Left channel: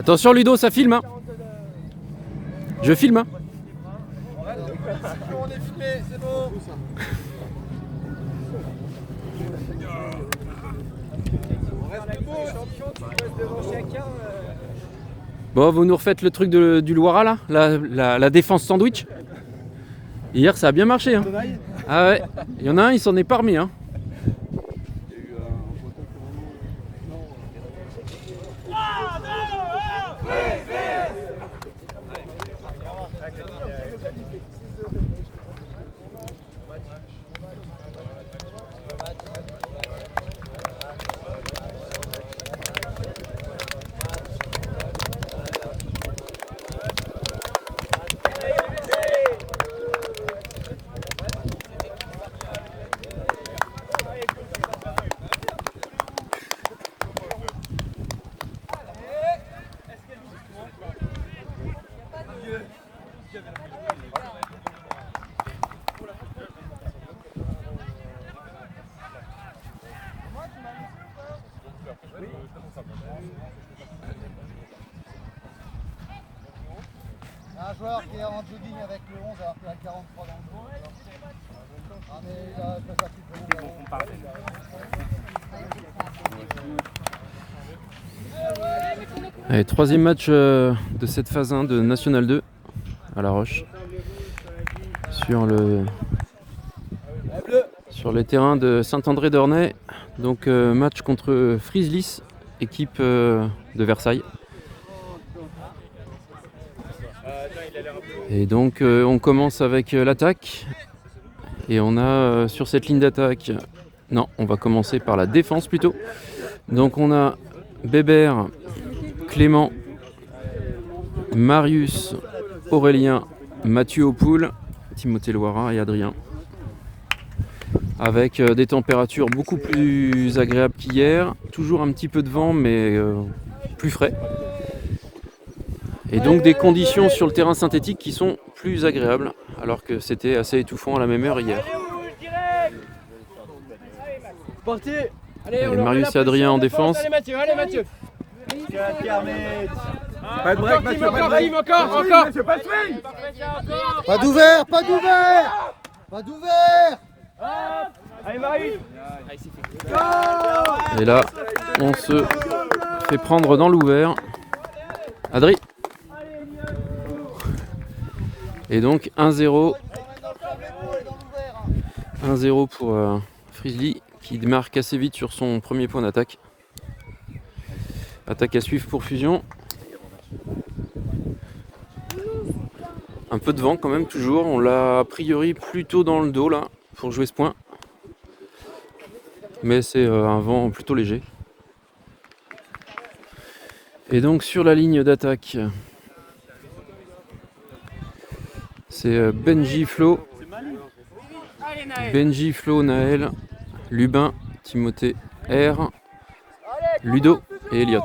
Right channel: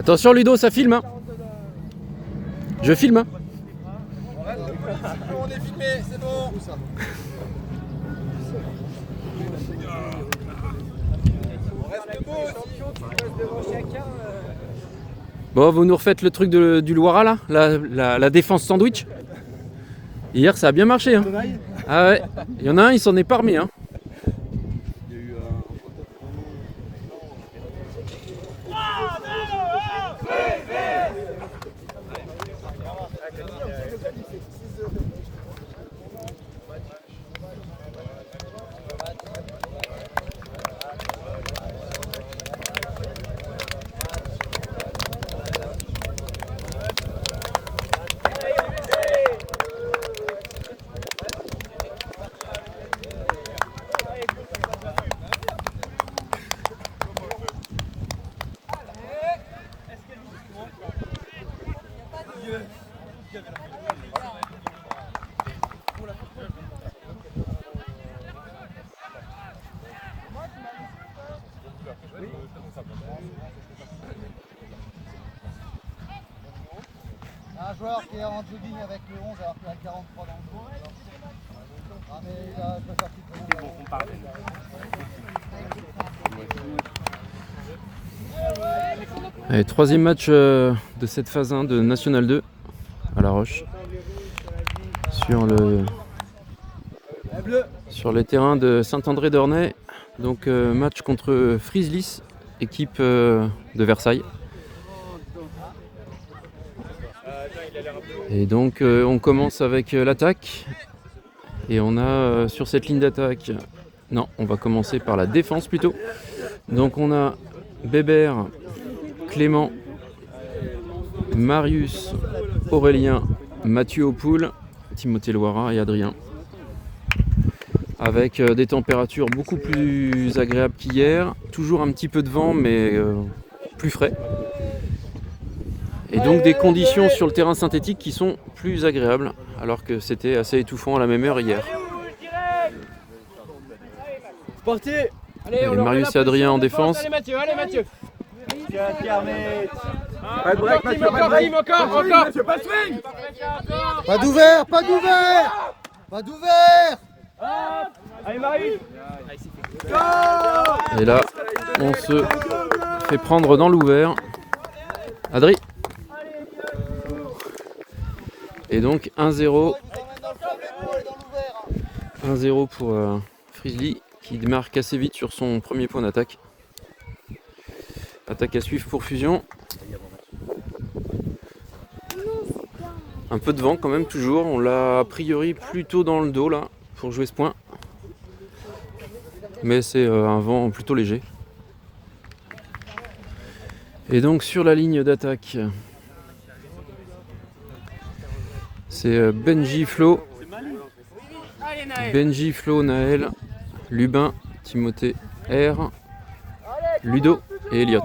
Attention Ludo, ça filme hein. Je filme hein. On est filmé, c'est bon. Bon, vous nous refaites le truc du Loira là, la défense sandwich. Hier ça a bien marché hein. Ah ouais, il y en a un, il s'en est pas remis hein. Un joueur qui est en jogging avec le 11 alors qu'il a 43 dans le dos. Ah mais il a pas sorti pour Allez, troisième match de cette phase 1 de National 2 à La Roche. Sur les terrains de Saint-André-d'Ornay. Donc match contre Frieslis, équipe de Versailles. Et donc on commence avec l'attaque. Et on a sur cette ligne d'attaque... Non, on va commencer par la défense plutôt. Donc on a Bébert, Clément, Marius, Aurélien, Mathieu Opoul, Timothée Loira et Adrien. Avec des températures beaucoup plus agréables qu'hier. Toujours un petit peu de vent mais plus frais. Et donc des conditions sur le terrain synthétique qui sont plus agréables. Alors que c'était assez étouffant à la même heure hier. Allez, Marius et Adrien en défense. Allez Mathieu, allez Mathieu. Pas d'ouvert, pas d'ouvert. Pas d'ouvert. Allez Marius. Et là, on se fait prendre dans l'ouvert. Adri. Et donc 1-0. 1-0 pour Frieslis qui marque assez vite sur son premier point d'attaque. Attaque à suivre pour Fusion. Un peu de vent quand même toujours. On l'a a priori plutôt dans le dos là pour jouer ce point. Mais c'est un vent plutôt léger. Et donc sur la ligne d'attaque, c'est Benji, Flo, Naël, Lubin, Timothée, R, Ludo et Elliot.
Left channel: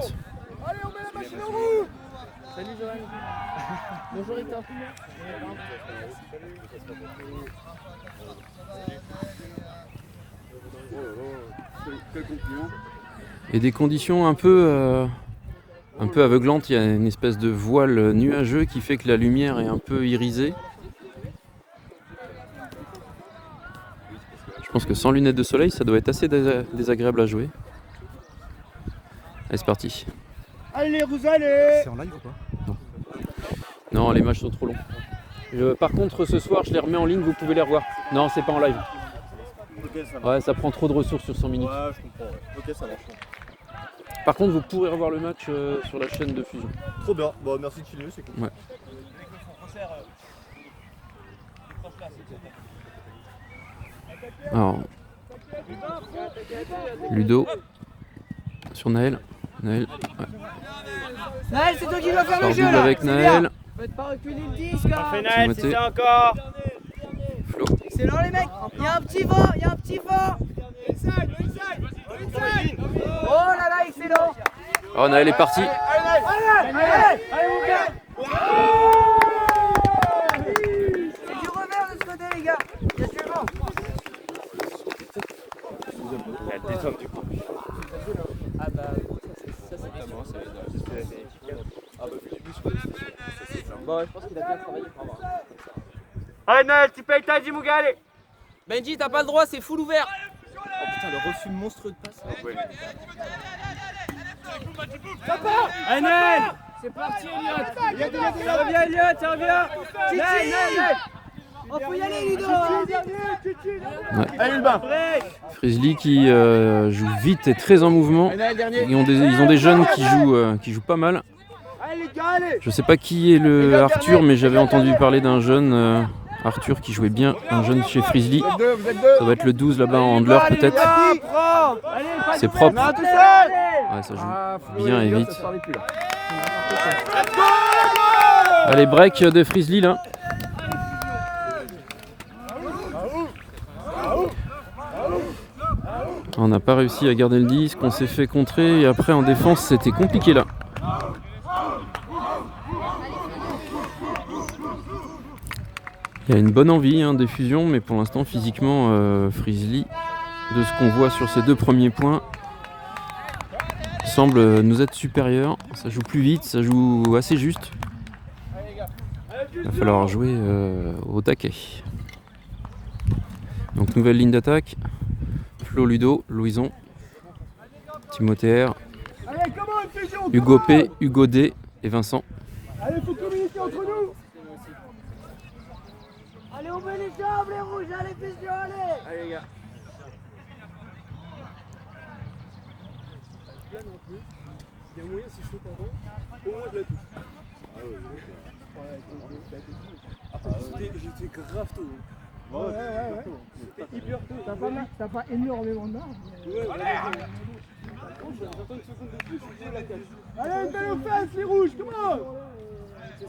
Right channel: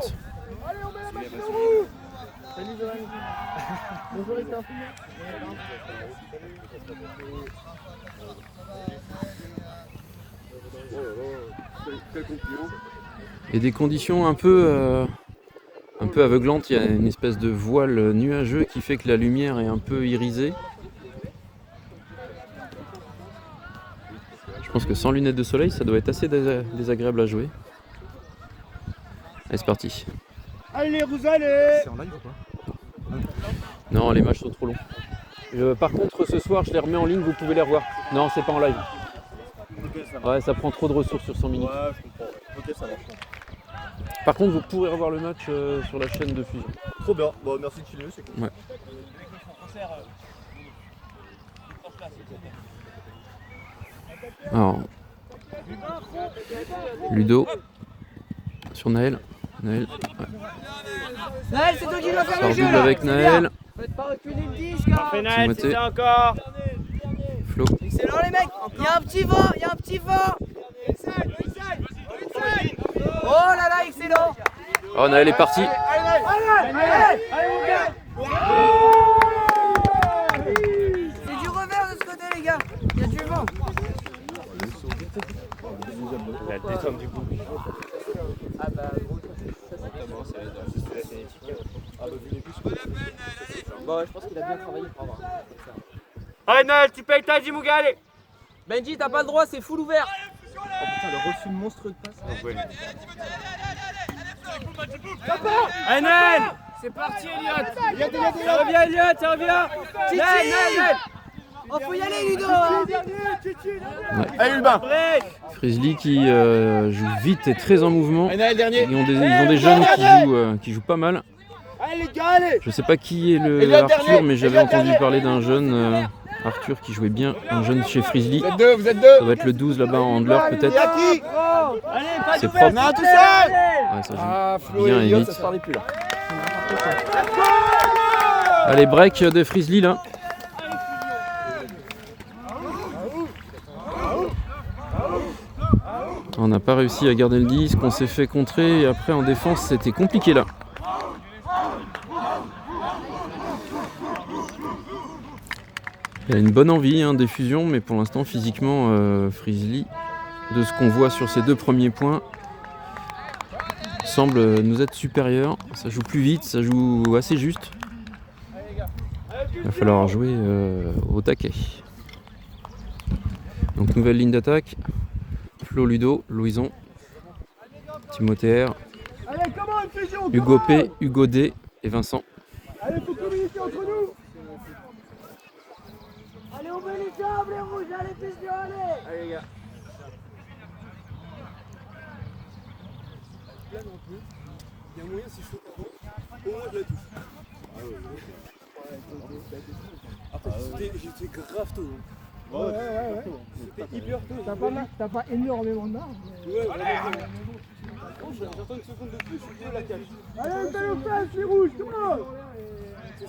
Et des conditions un peu aveuglantes. Il y a une espèce de voile nuageux qui fait que la lumière est un peu irisée. Je pense que sans lunettes de soleil, ça doit être assez désagréable à jouer. Allez, c'est parti. Allez, vous allez. C'est en live ou pas? Non, les matchs sont trop longs. Par contre, ce soir, je les remets en ligne, vous pouvez les revoir. Non, c'est pas en live. Ok, ça marche. Ouais, ça prend trop de ressources sur 100 minutes. Ouais, je comprends. Ok, ça marche. Par contre, vous pourrez revoir le match sur la chaîne de Fusion. Trop bien. Bon, merci de filmer, c'est cool. Ouais. Alors, Ludo sur Naël. Naël, ouais. Naël, c'est toi qui dois faire Par le jeu. double avec Naël. Faites pas reculer le disque. Hein. Fais Naël, Timothée. c'est ça encore. Flo. Excellent les mecs. Il y a un petit vent, il y a un petit vent. Oh là là, excellent. Oh, Naël est parti. Allez, mon gars. C'est du revers de ce côté, les gars. C'est bon. La descente du coup. Ah bah, gros, ça c'est comment ça va être dans le festival athlétique. Bon, je pense qu'il a bien travaillé pour avoir. Allez Noël, tu payes ta Jimouga, allez. Benji, t'as pas le droit, c'est full ouvert. Oh putain, le reçu monstrueux de passe. Allez Noël. C'est parti, Elliot. Tiens, reviens Elliot, tiens, reviens. Noël. Oh, faut y aller, Ludo. Allez, le bain. Frizzly qui joue vite et très en mouvement. Allez, Noël, dernier. Ils ont des jeunes qui jouent pas mal. Allez les gars, allez. Je sais pas qui est le Arthur, mais j'avais entendu parler d'un jeune Arthur qui jouait bien, un jeune chez Frizzly. Vous êtes deux, vous êtes deux. Ça va être le 12 là-bas en handler peut-être. C'est propre. tout seul. Ouais, ça joue Flo bien et Elliot, vite. ça se parlait plus là. Allez, break de Frizzly là. On n'a pas réussi à garder le disque, on s'est fait contrer et après en défense c'était compliqué là. Il y a une bonne envie des fusions, mais pour l'instant physiquement Frizzly, de ce qu'on voit sur ces deux premiers points, semble nous être supérieur. Ça joue plus vite, ça joue assez juste. Il va falloir jouer au taquet. Donc nouvelle ligne d'attaque. Flo, Ludo, Louison, Timothée R, Hugo P, Hugo D et Vincent. Allez, faut communiquer entre nous. Allez, on met les jambes, les rouges, allez, Fisio, allez. Allez, les gars. J'étais grave tôt. Ouais. T'es hyper tôt. T'as pas énormément de marge. J'attends une seconde de plus, je suis la cage. Allez, on le face, les rouges, comment? C'est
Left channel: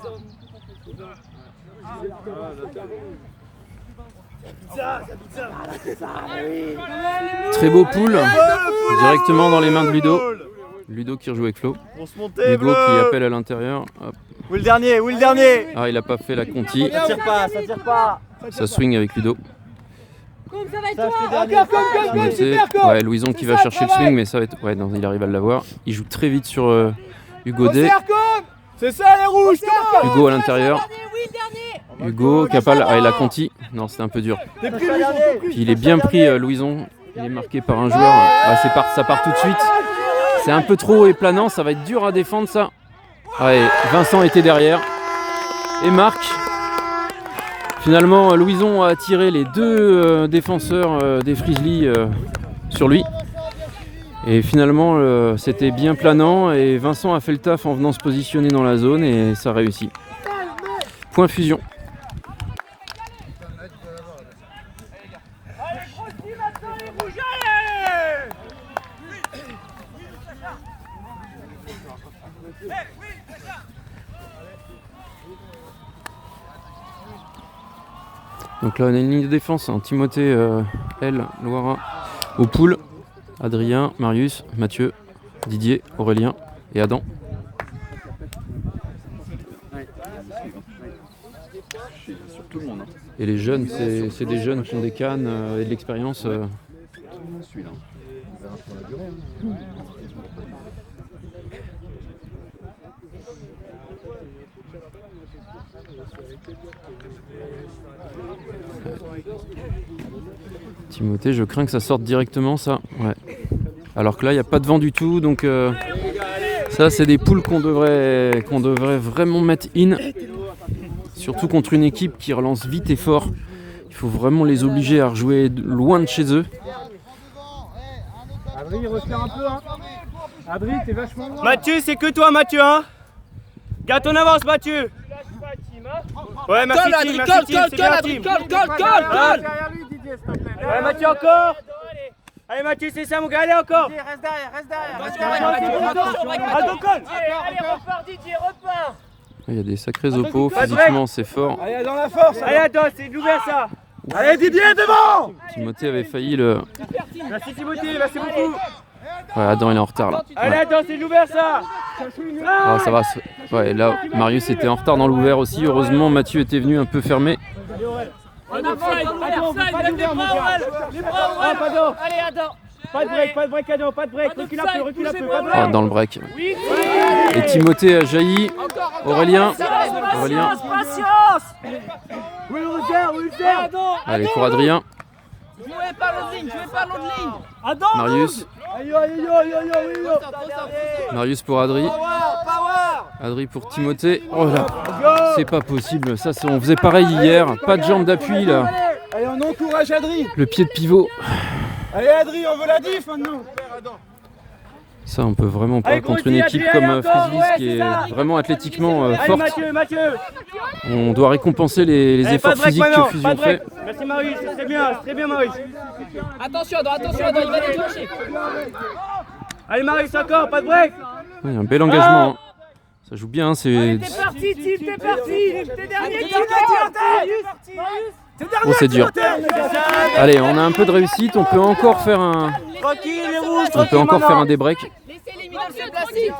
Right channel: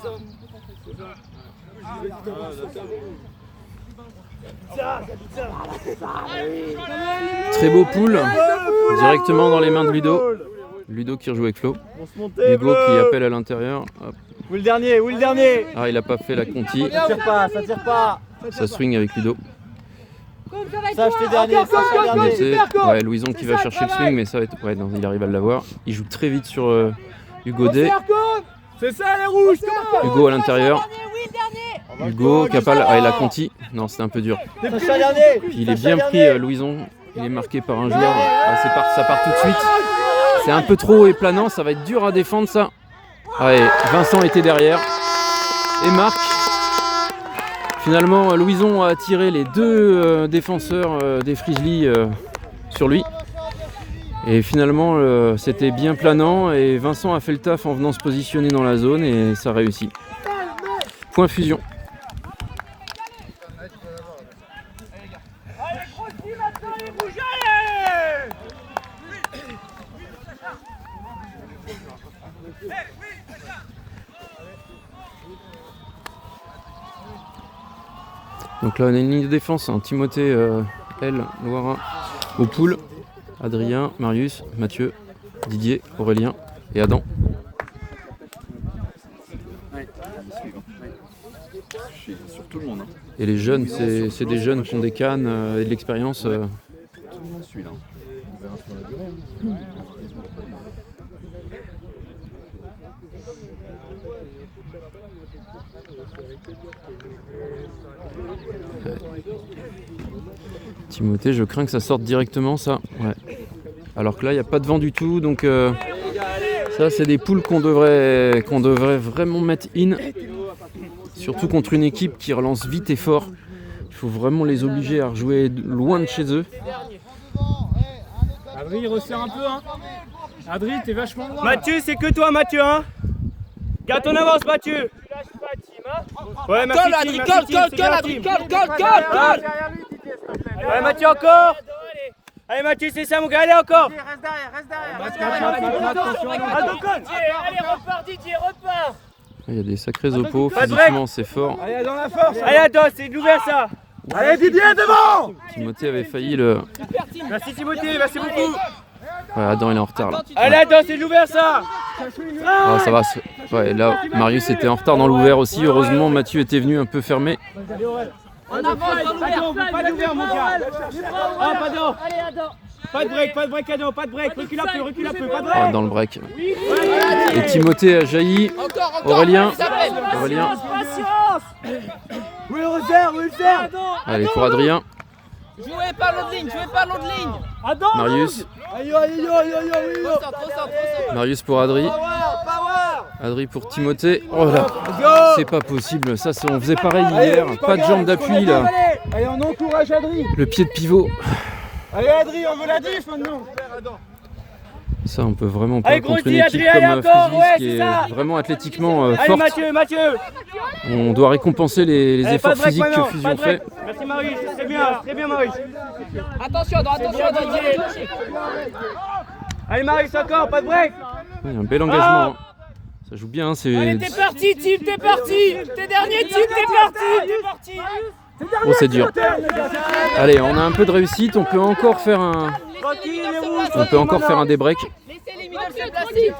ça. Très beau pool, directement dans les mains de Ludo. Ludo qui rejoue avec Flo. On se montait, Hugo qui appelle à l'intérieur. Hop. Où est le dernier? Ah, il a pas fait la conti. Ça tire pas. Ça swing avec Ludo. Ça, je t'ai dernier. Ouais, Louison qui va chercher le swing, mais ça va être... Ouais, non, il arrive à l'avoir. Il joue très vite sur Hugo D. C'est ça les rouges. Hugo à l'intérieur. Hugo, Capal, ah, il a conti. Non, c'était un peu dur. Il est bien pris, Louison. Il est marqué par un joueur. Ah, ça part tout de suite. C'est un peu trop planant, ça va être dur à défendre ça. Ouais, Vincent était derrière. Et marque. Finalement, Louison a tiré les deux défenseurs des Frizzly sur lui. Et finalement, c'était bien planant et Vincent a fait le taf en venant se positionner dans la zone et ça réussit. Point fusion. Allez, grossis maintenant les rouges, allez. Donc là on a une ligne de défense, Timothée, L, Loira, au pool, Adrien, Marius, Mathieu, Didier, Aurélien et Adam. Et les jeunes, c'est des jeunes qui ont des cannes et de l'expérience. Timothée, je crains que ça sorte directement ça. Ouais. Alors que là, il n'y a pas de vent du tout, donc ça, c'est des poules qu'on devrait vraiment mettre in. Surtout contre une équipe qui relance vite et fort. Il faut vraiment les obliger à rejouer loin de chez eux. Adri, il resserre un peu, hein. Adri, t'es vachement loin. Mathieu, c'est que toi, Mathieu, hein. Garde ton avance, Mathieu. Ouais, merci, Adri, colle. Ouais, Mathieu, encore. Allez, Mathieu, c'est ça, mon gars, allez, encore. Reste derrière. Allez, repars, Didier, repars. Il y a des sacrés oppos, physiquement c'est fort. Allez, dans la force. Allez, attends, c'est l'ouvert ça. Allez, Didier, devant. Timothée avait failli le... Merci Timothée, merci beaucoup. Ouais, Adam il est en retard là. Allez, Ouais. attends, c'est l'ouvert ça. Ah, ça va. Ouais, là, Marius était en retard dans l'ouvert aussi. Heureusement, Mathieu était venu un peu fermé. Allez, on veut pas d'ouvert, mon gars. Pas d'eau. Allez, attends. pas de break, Adam, pas de break. Recule un peu, pas de Ah, break. dans le break. Et Timothée a jailli. Aurélien. Aurélien. Oui, le refaire. Allez, pour Adrien. Jouez pas l'autre ligne, jouez pas l'autre ligne. Adam. Marius. Aïe. Trop centre. Marius pour Adri. Adri pour Timothée. Oh là, c'est pas possible. Ça, on faisait pareil hier. Pas de jambe d'appui là. Allez, on encourage Adri. Le pied de pivot. Allez, Adri, on veut la diff maintenant. Ça, on peut vraiment pas Allez, contre une grossis, équipe Adrien, comme encore, Frizzlies ouais, qui c'est est ça. vraiment athlétiquement forte. Mathieu. On doit récompenser les Allez, efforts pas de break physiques que maintenant, Fusion pas de fait. break. Merci Maurice, c'est très bien Maurice. Attention, Adam, Allez Maurice, encore, pas de break. Ouais, un bel engagement. Hein. Ça joue bien. C'est T'es parti, Tim, t'es parti. T'es dernier, Tim, t'es parti. oh, c'est dur. Allez, on a un peu de réussite. On peut encore faire un. Tranquille, les rouges. On peut encore faire un débreak. Laissez les middle se placer.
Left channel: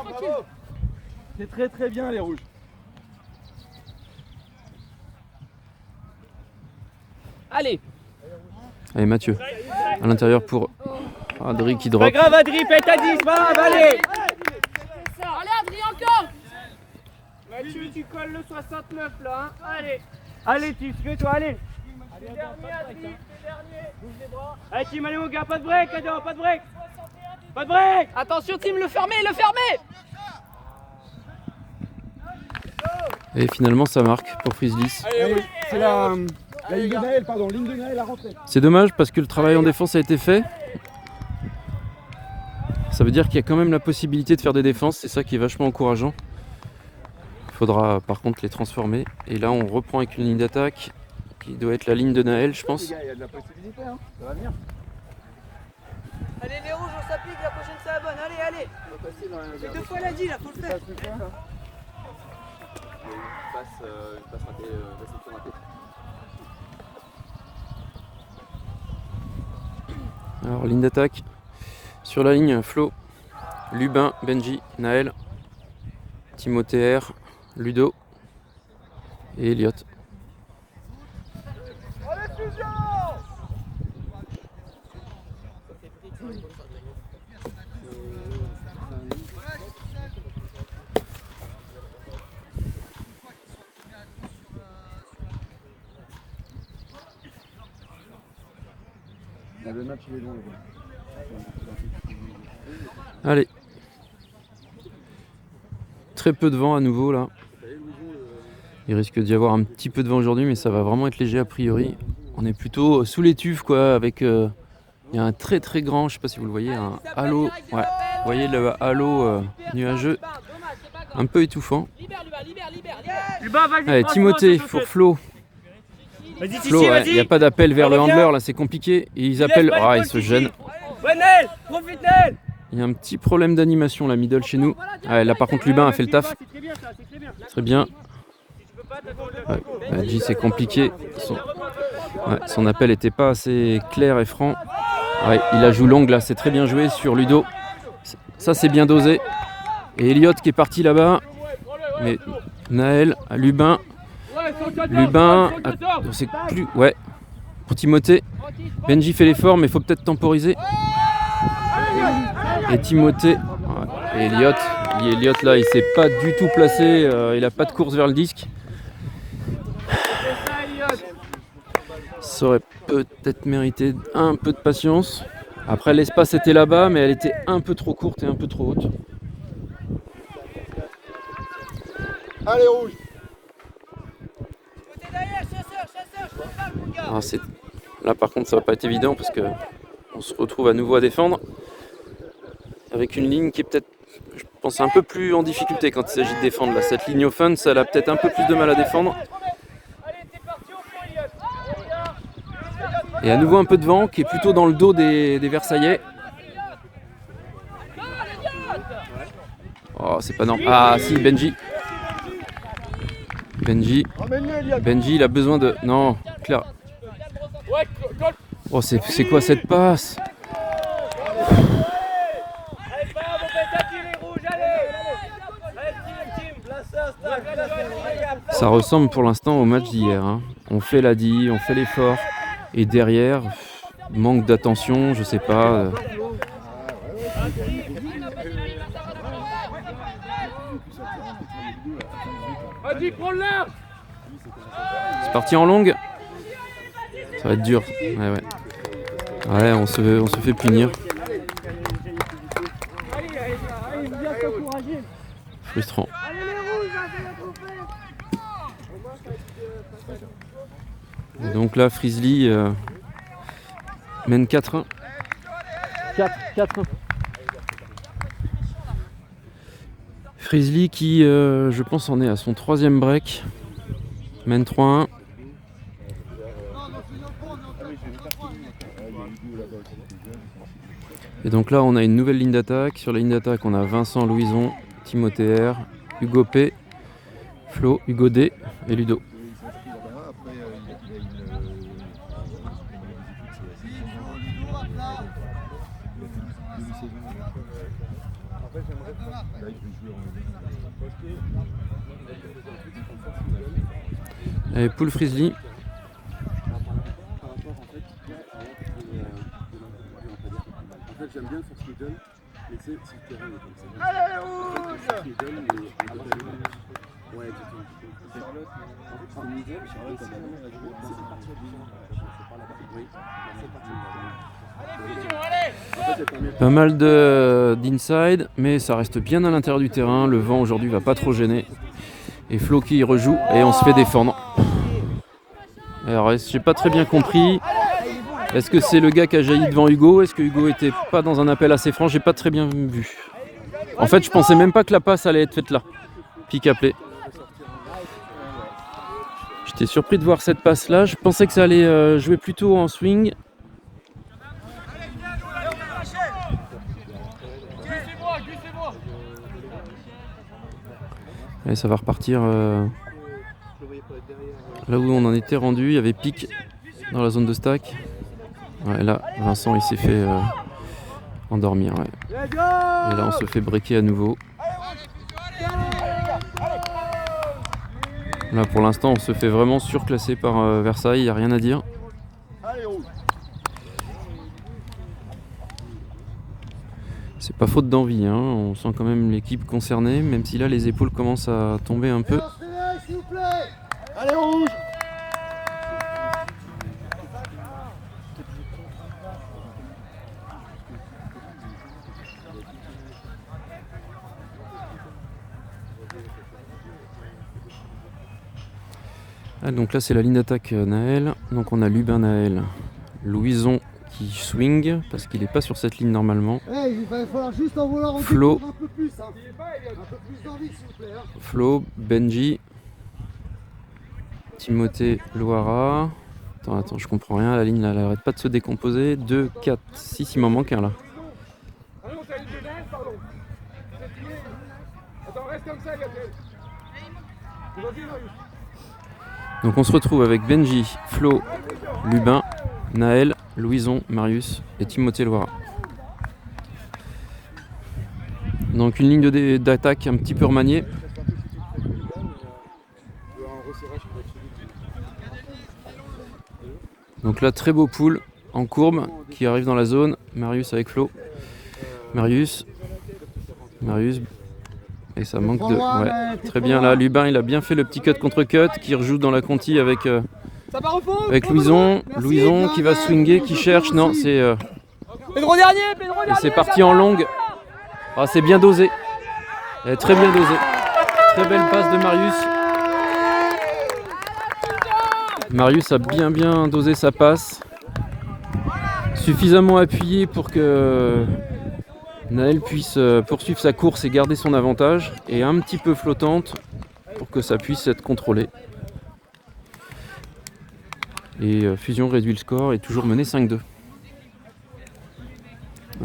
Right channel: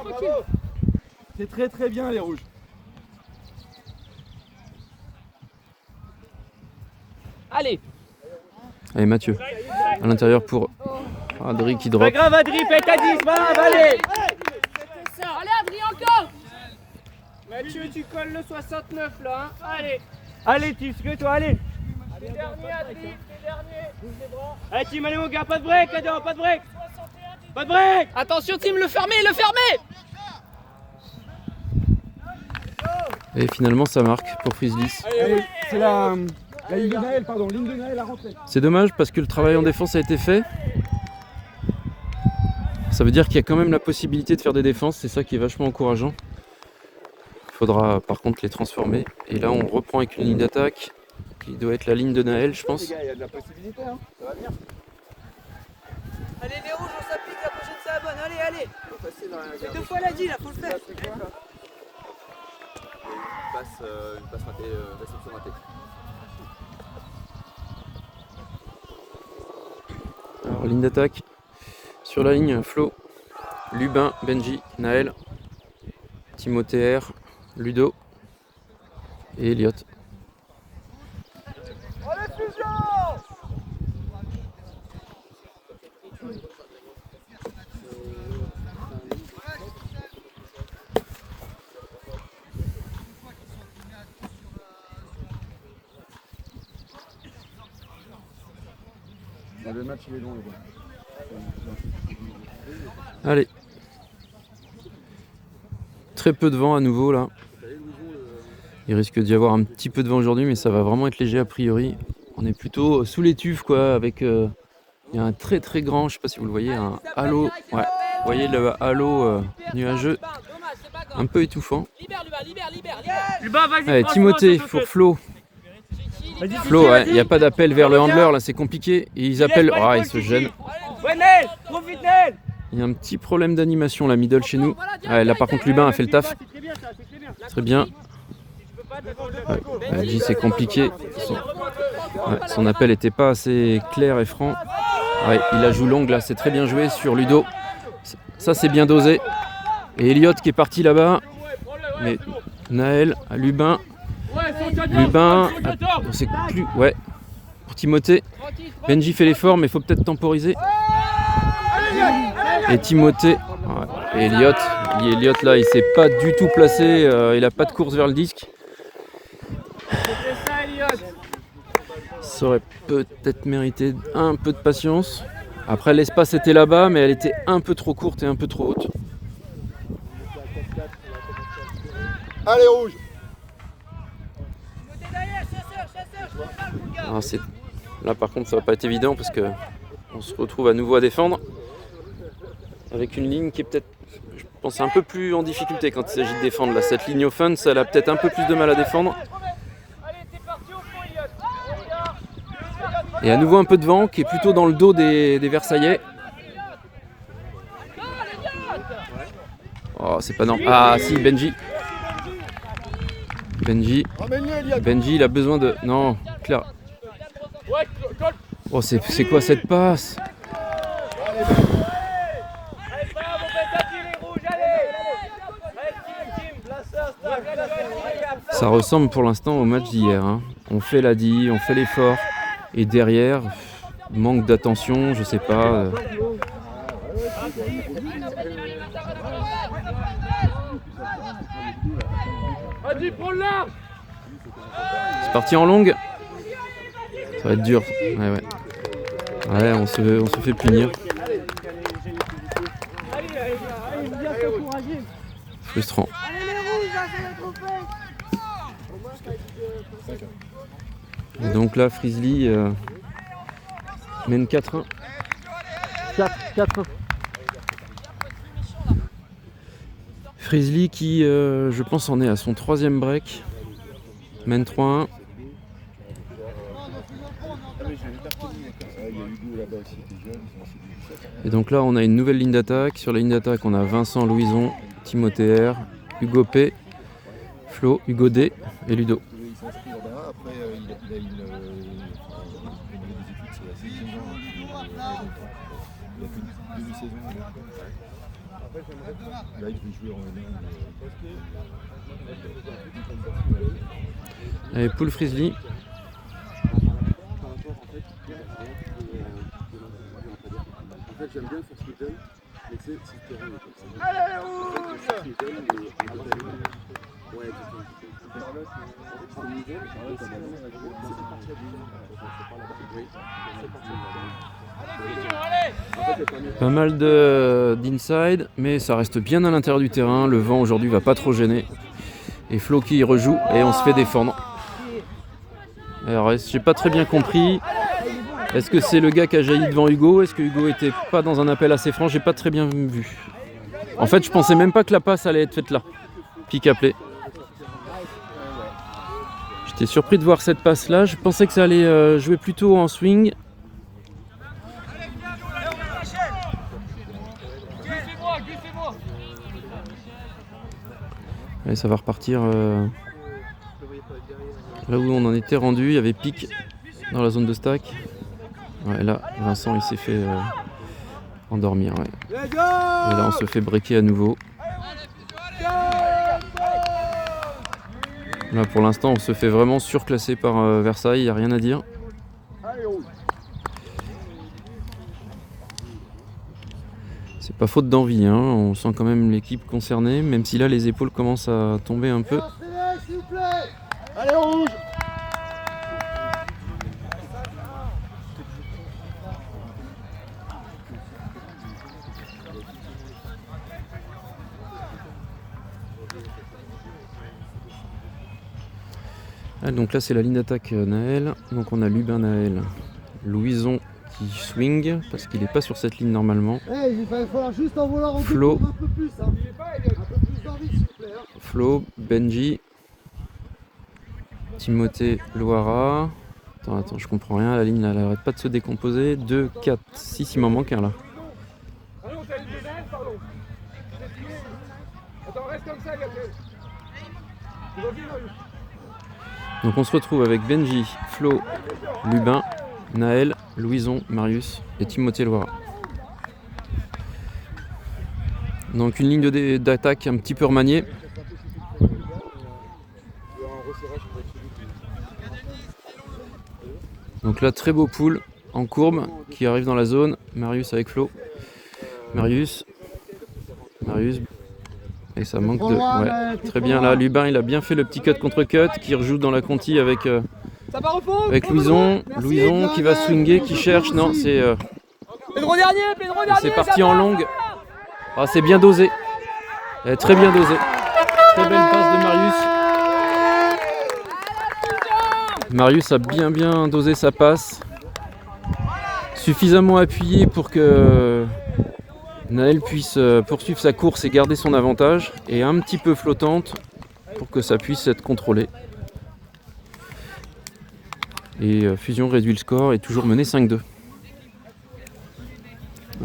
C'est très bien les rouges. Allez. Allez, Mathieu. À l'intérieur pour Adri qui drop. Pas grave Adri, paye ta 10, pas grave, allez. Allez, Adrien, encore. Mathieu, tu colles le 69 là, hein. Allez, Tim, c'est toi, allez. T'es dernier, Adri, t'es dernier. Allez, Tim, allez, mon gars, pas de break, Adam, pas de break. Pas de break. Attention, Tim, le fermer. Et finalement, ça marque pour Frizzlies. C'est la ligne de Naël, pardon, ligne de Naël à rentrer. C'est dommage parce que le travail en défense a été fait. Ça veut dire qu'il y a quand même la possibilité de faire des défenses. C'est ça qui est vachement encourageant. Il faudra par contre les transformer. Et là, on reprend avec une ligne d'attaque qui doit être la ligne de Naël, je pense. Il y a de la possibilité, hein. Ça va bien. Allez, les rouges, on s'applique, la prochaine c'est la bonne, allez. C'est 2 fois la dit, là, faut le faire. Alors, ligne d'attaque. Sur la ligne, Flo, Lubin, Benji, Naël, Timothée R, Ludo et Elliot. Le match il est long. Allez. Très peu de vent à nouveau là. Il risque d'y avoir un petit peu de vent aujourd'hui, mais ça va vraiment être léger a priori. On est plutôt sous les tuves quoi, avec il y a un très très grand, je sais pas si vous le voyez, un halo. Ouais, vous voyez le halo nuageux, un peu étouffant. Allez, Timothée pour Flo. Flo, il n'y a pas d'appel vers le handler là, c'est compliqué. Et ils appellent, ils se gênent. Ouais, Nel, profite Nel. Il y a un petit problème d'animation la middle chez nous. Là par contre Lubin a fait le taf. Très bien. Benji c'est compliqué. Son appel n'était pas assez clair et franc. Il a joué longue là, c'est très bien joué sur Ludo. Ça c'est bien dosé. Et Elliot qui est parti là-bas. Mais Naël, à Lubin. Lubin, on sait plus. Ouais. Pour Timothée. Benji fait l'effort, mais il faut peut-être temporiser. Et Timothée. Et Elliot. Elliot là, il s'est pas du tout placé. Il a pas de course vers le disque. Ça aurait peut-être mérité un peu de patience. Après, l'espace était là-bas, mais elle était un peu trop courte et un peu trop haute. Allez, rouge. Là, par contre, ça va pas être évident parce que on se retrouve à nouveau à défendre avec une ligne qui est peut-être, je pense, un peu plus en difficulté quand il s'agit de défendre. Là, cette ligne offense, elle a peut-être un peu plus de mal à défendre. Et à nouveau un peu de vent qui est plutôt dans le dos des Versaillais. Oh, c'est pas normal. Ah si, Benji. Benji, il a besoin de... Non, Claire. Oh, c'est quoi cette passe? Ça ressemble pour l'instant au match d'hier. Hein. On fait l'ADI, on fait l'effort. Et derrière, manque d'attention, je sais pas. Vas-y, prends le large. C'est parti en longue. Ça va être dur. Ouais. Ouais, on se fait punir. Allez, viens t'encourager. Frustrant. Allez, les rouges, là, c'est la trompette. Et donc là, Frizzly mène 4-1. 4-1. Frizzly qui, je pense, en est à son 3e break. Mène 3-1. Et donc là, on a une nouvelle ligne d'attaque. Sur la ligne d'attaque, on a Vincent Louison, Timothée R, Hugo P, Flo, Hugo D et Ludo. Allez, Poule Frizzly. En fait, j'aime bien le force middle, mais tu sais, si le terrain est comme ça. Allez, Force middle, mais ouais, Pas mal d'inside, mais ça reste bien à l'intérieur du terrain. Le vent aujourd'hui va pas trop gêner. Et Flo qui rejoue et on se fait défendre. Alors, j'ai pas très bien compris. Est-ce que c'est le gars qui a jailli devant Hugo? Est-ce que Hugo était pas dans un appel assez franc? J'ai pas très bien vu. En fait, je pensais même pas que la passe allait être faite là. Pick à play. J'étais surpris de voir cette passe là. Je pensais que ça allait jouer plutôt en swing. Allez, ça va repartir là où on en était rendu. Il y avait pick dans la zone de stack. Ouais, là, Vincent il s'est fait endormir. Ouais. Et là, on se fait breaker à nouveau. Là, pour l'instant, on se fait vraiment surclasser par Versailles. Il n'y a rien à dire. C'est pas faute d'envie, hein. On sent quand même l'équipe concernée, même si là les épaules commencent à tomber un peu. S'il vous plaît. Allez, rouge. Ah, donc là c'est la ligne d'attaque Naël. Donc on a Lubin Naël, Louison qui swing parce qu'il n'est pas sur cette ligne normalement. Il va falloir juste en vouloir Flo. un peu plus. Un peu plus d'envie, s'il vous plaît. Flo, Benji, Timothée Loara. Attends, je comprends rien. La ligne là, elle arrête pas de se décomposer. 2, 4, 6, il m'en manque un là. Allons, t'as une pédale, pardon. Attends, reste comme ça, Gabriel. Donc on se retrouve avec Benji, Flo, Lubin, Naël, Louison, Marius et Timothée Loara. Donc une ligne d'attaque un petit peu remaniée. Donc là, très beau pool en courbe qui arrive dans la zone. Marius avec Flo. Marius. Et ça manque de... Ouais, très bien là. Lubin, il a bien fait le petit cut contre cut qui rejoue dans la conti avec Louison. Louison qui va swinger, qui cherche. Non, c'est... Pedro dernier. C'est parti en longue. Ah, c'est bien dosé. Très bien dosé. Très belle passe de Marius. Marius a bien dosé sa passe. Suffisamment appuyé pour que Naël puisse poursuivre sa course et garder son avantage. Et un petit peu flottante pour que ça puisse être contrôlé. Et Fusion réduit le score et toujours mené 5-2.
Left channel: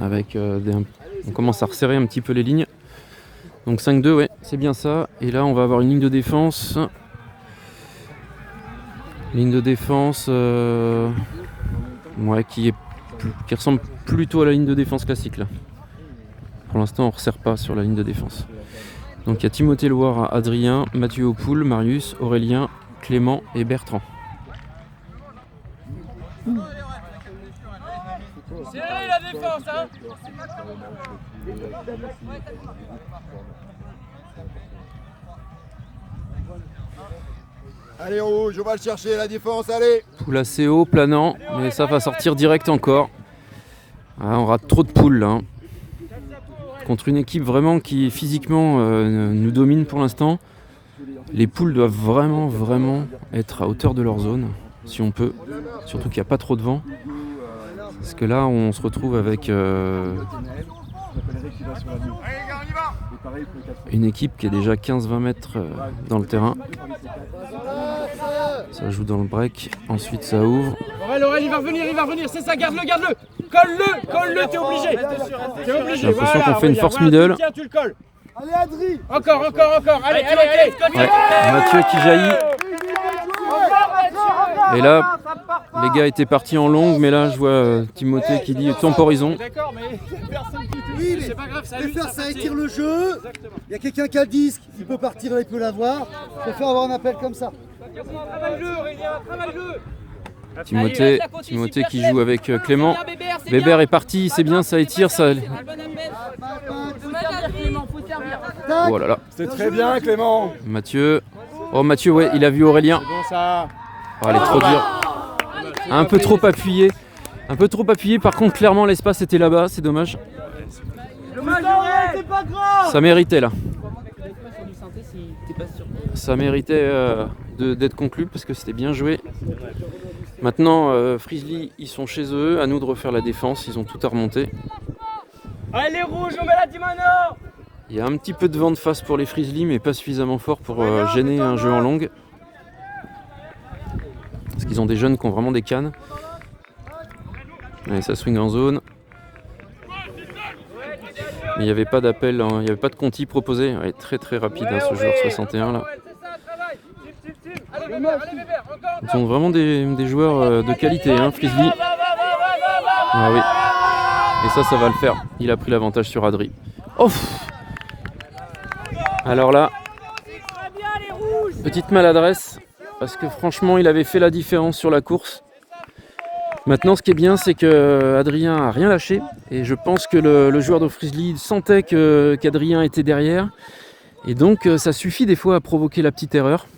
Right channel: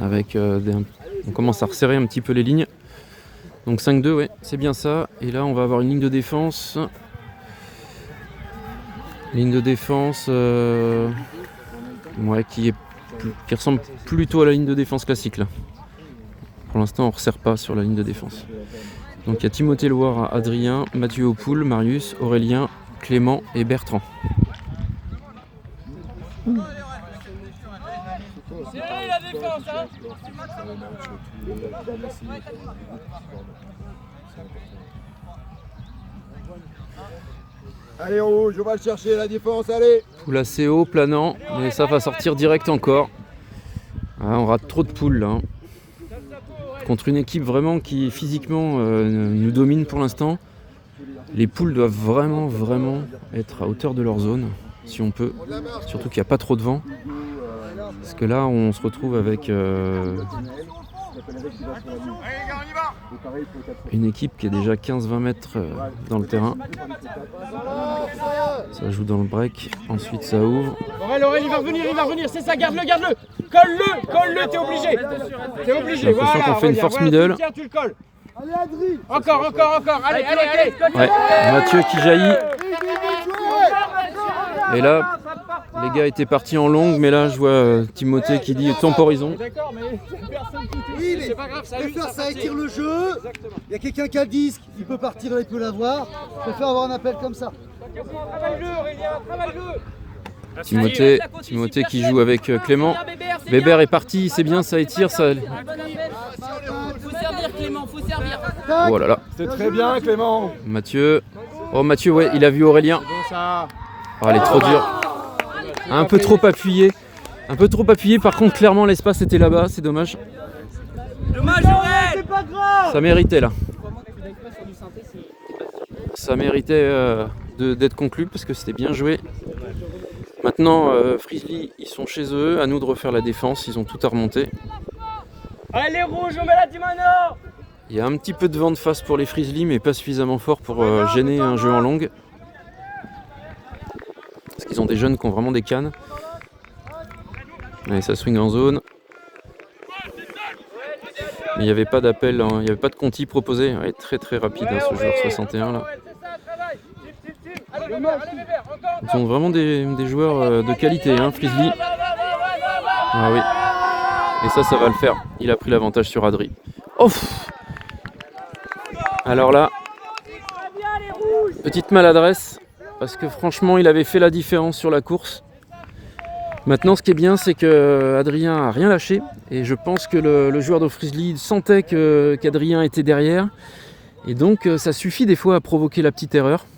Avec on commence à resserrer un petit peu les lignes. Donc 5-2, ouais, c'est bien ça. Et là, on va avoir une ligne de défense. Ligne de défense ouais, qui ressemble plutôt à la ligne de défense classique là. Pour l'instant, on ne resserre pas sur la ligne de défense. Donc il y a Timothée Loire, Adrien, Mathieu Opoul, Marius, Aurélien, Clément et Bertrand. Serré la défense, hein. Allez rouge, on va le chercher la défense, allez. Poule assez haut, planant, mais ça va sortir direct encore. Ah, on rate trop de poules là. Hein. Contre une équipe vraiment qui physiquement nous domine pour l'instant. Les poules doivent vraiment être à hauteur de leur zone, si on peut. Surtout qu'il n'y a pas trop de vent. Parce que là, on se retrouve avec une équipe qui est déjà 15-20 mètres dans le terrain. Ça joue dans le break, ensuite ça ouvre. Aurel, il va revenir, c'est ça, garde-le. Colle-le, t'es obligé. J'ai l'impression qu'on fait une force middle. Tiens, tu le colles. Allez Adri. Encore, allez. Ouais, Mathieu qui jaillit. Et là, les gars étaient partis en longue, mais là je vois Timothée qui dit temporisons. D'accord, mais personne qui te Oui, c'est pas grave, ça préfère ça étire le jeu. Il y a quelqu'un qui a le disque, il peut partir, il peut l'avoir. Je préfère avoir un appel comme ça. Travaille-le, Aurélien, travaille-le. Timothée qui joue avec Clément. Bébert est parti, c'est bien, ça étire, ça. Faut servir Clément, faut servir. Oh là là. C'est très bien, Clément. Mathieu. Oh Mathieu, ouais, il a vu Aurélien. Bon ça. Oh, elle est trop dure. Un peu trop appuyé. Par contre, clairement, l'espace était là-bas, c'est dommage. Dommage, Aurel. Ça méritait là. Ça méritait d'être conclu parce que c'était bien joué. Maintenant, Frizzly, ils sont chez eux. À nous de refaire la défense. Ils ont tout à remonter. Allez, rouge, on met la Dimano. Il y a un petit peu de vent de face pour les Frizzly, mais pas suffisamment fort pour gêner un jeu en longue. Parce qu'ils ont des jeunes qui ont vraiment des cannes. Allez, ça swing en zone. Mais il n'y avait pas d'appel, hein, il n'y avait pas de conti proposé. Ouais, très rapide hein, ce joueur 61 là. Ils ont vraiment des joueurs de qualité, hein, Frizzly. Ah oui. Et ça va le faire. Il a pris l'avantage sur Adri. Oh. Alors là, petite maladresse. Parce que franchement, il avait fait la différence sur la course. Maintenant, ce qui est bien, c'est que Adrien a rien lâché. Et je pense que le joueur de Frizzly sentait qu'Adrien était derrière. Et donc, ça suffit des fois à provoquer la petite erreur.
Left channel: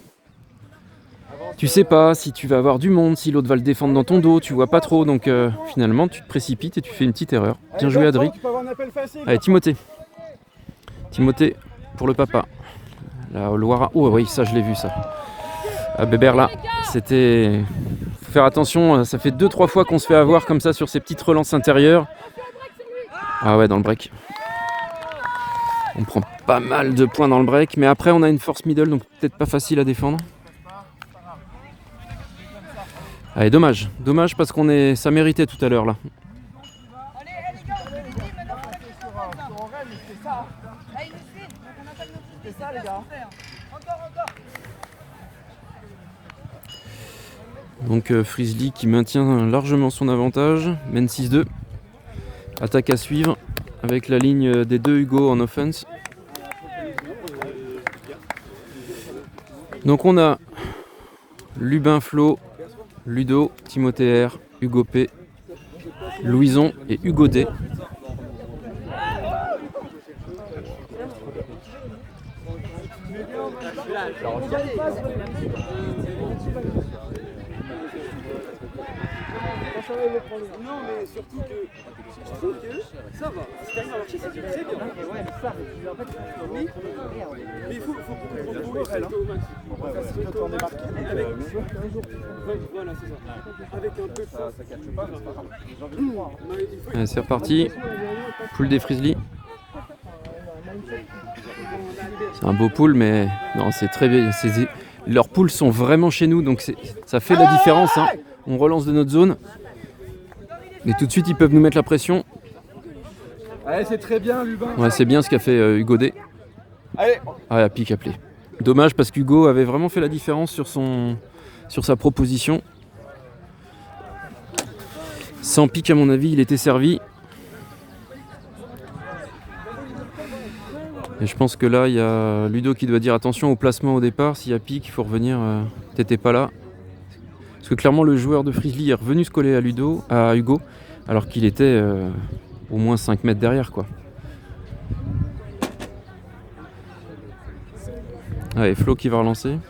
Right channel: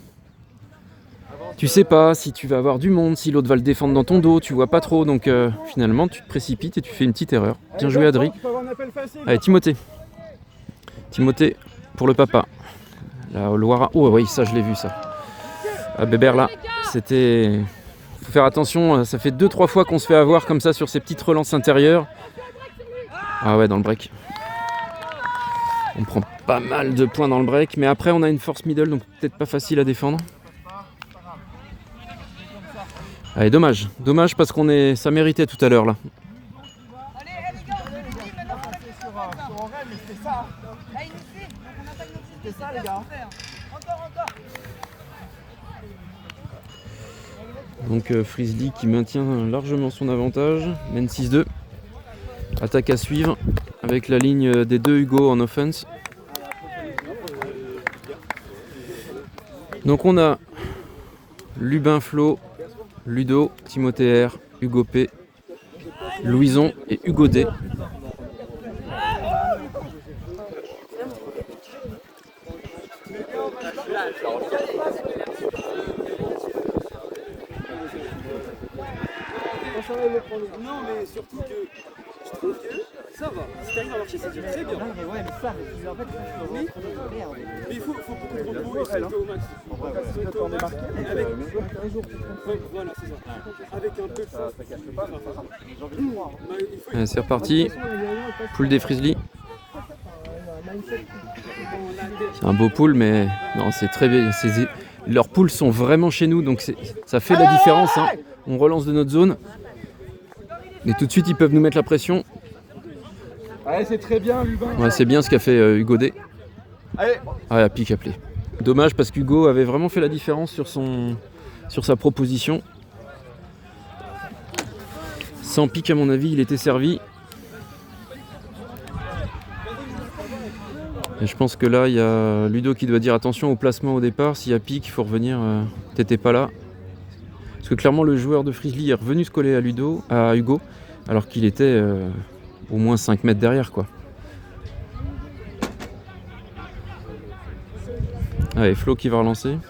Tu sais pas si tu vas avoir du monde, si l'autre va le défendre dans ton dos, tu vois pas trop. Donc, finalement, tu te précipites et tu fais une petite erreur. Bien joué, Adri. Allez, Timothée. Timothée pour le papa. La Loira. Oh oui, ça, je l'ai vu, ça. Ah, Bébert, là, c'était... Faut faire attention, ça fait 2-3 fois qu'on se fait avoir comme ça sur ces petites relances intérieures. Ah ouais, dans le break. On prend pas mal de points dans le break, mais après on a une force middle, donc peut-être pas facile à défendre. Allez, dommage parce ça méritait tout à l'heure là. Allez les gars, on fait les films, maintenant on attaque les survêtements là. Là il nous suit, donc on attaque notre suite, c'est ça les gars. Encore. Donc Frizzly qui maintient largement son avantage, mène 6-2. Attaque à suivre avec la ligne des deux Hugo en offense. Donc on a Lubin Flo, Ludo, Timothée R, Hugo P, Louison et Hugo D. Non, mais surtout que je trouve que ça va. Si t'arrives à marcher, c'est très bien. Mais il faut qu'on retrouve ça au max. Voilà, c'est ça. Avec un peu de force. Allez, c'est reparti. Poule des Frizzly. C'est un beau pool, mais non, c'est très bien. Leurs poules sont vraiment chez nous, donc ça fait la différence. Hein. On relance de notre zone. Et tout de suite, ils peuvent nous mettre la pression. Allez, c'est très bien, Lubin. Ouais, c'est bien ce qu'a fait Hugo D. Allez. Ah, la pique appelée. Dommage parce qu'Hugo avait vraiment fait la différence sur sa proposition. Sans pique, à mon avis, il était servi. Et je pense que là, il y a Ludo qui doit dire attention au placement au départ. S'il y a pique, il faut revenir. T'étais pas là. Parce que clairement le joueur de Frizzly est revenu se coller à Hugo, alors qu'il était au moins 5 mètres derrière, quoi. Allez, Flo qui va relancer.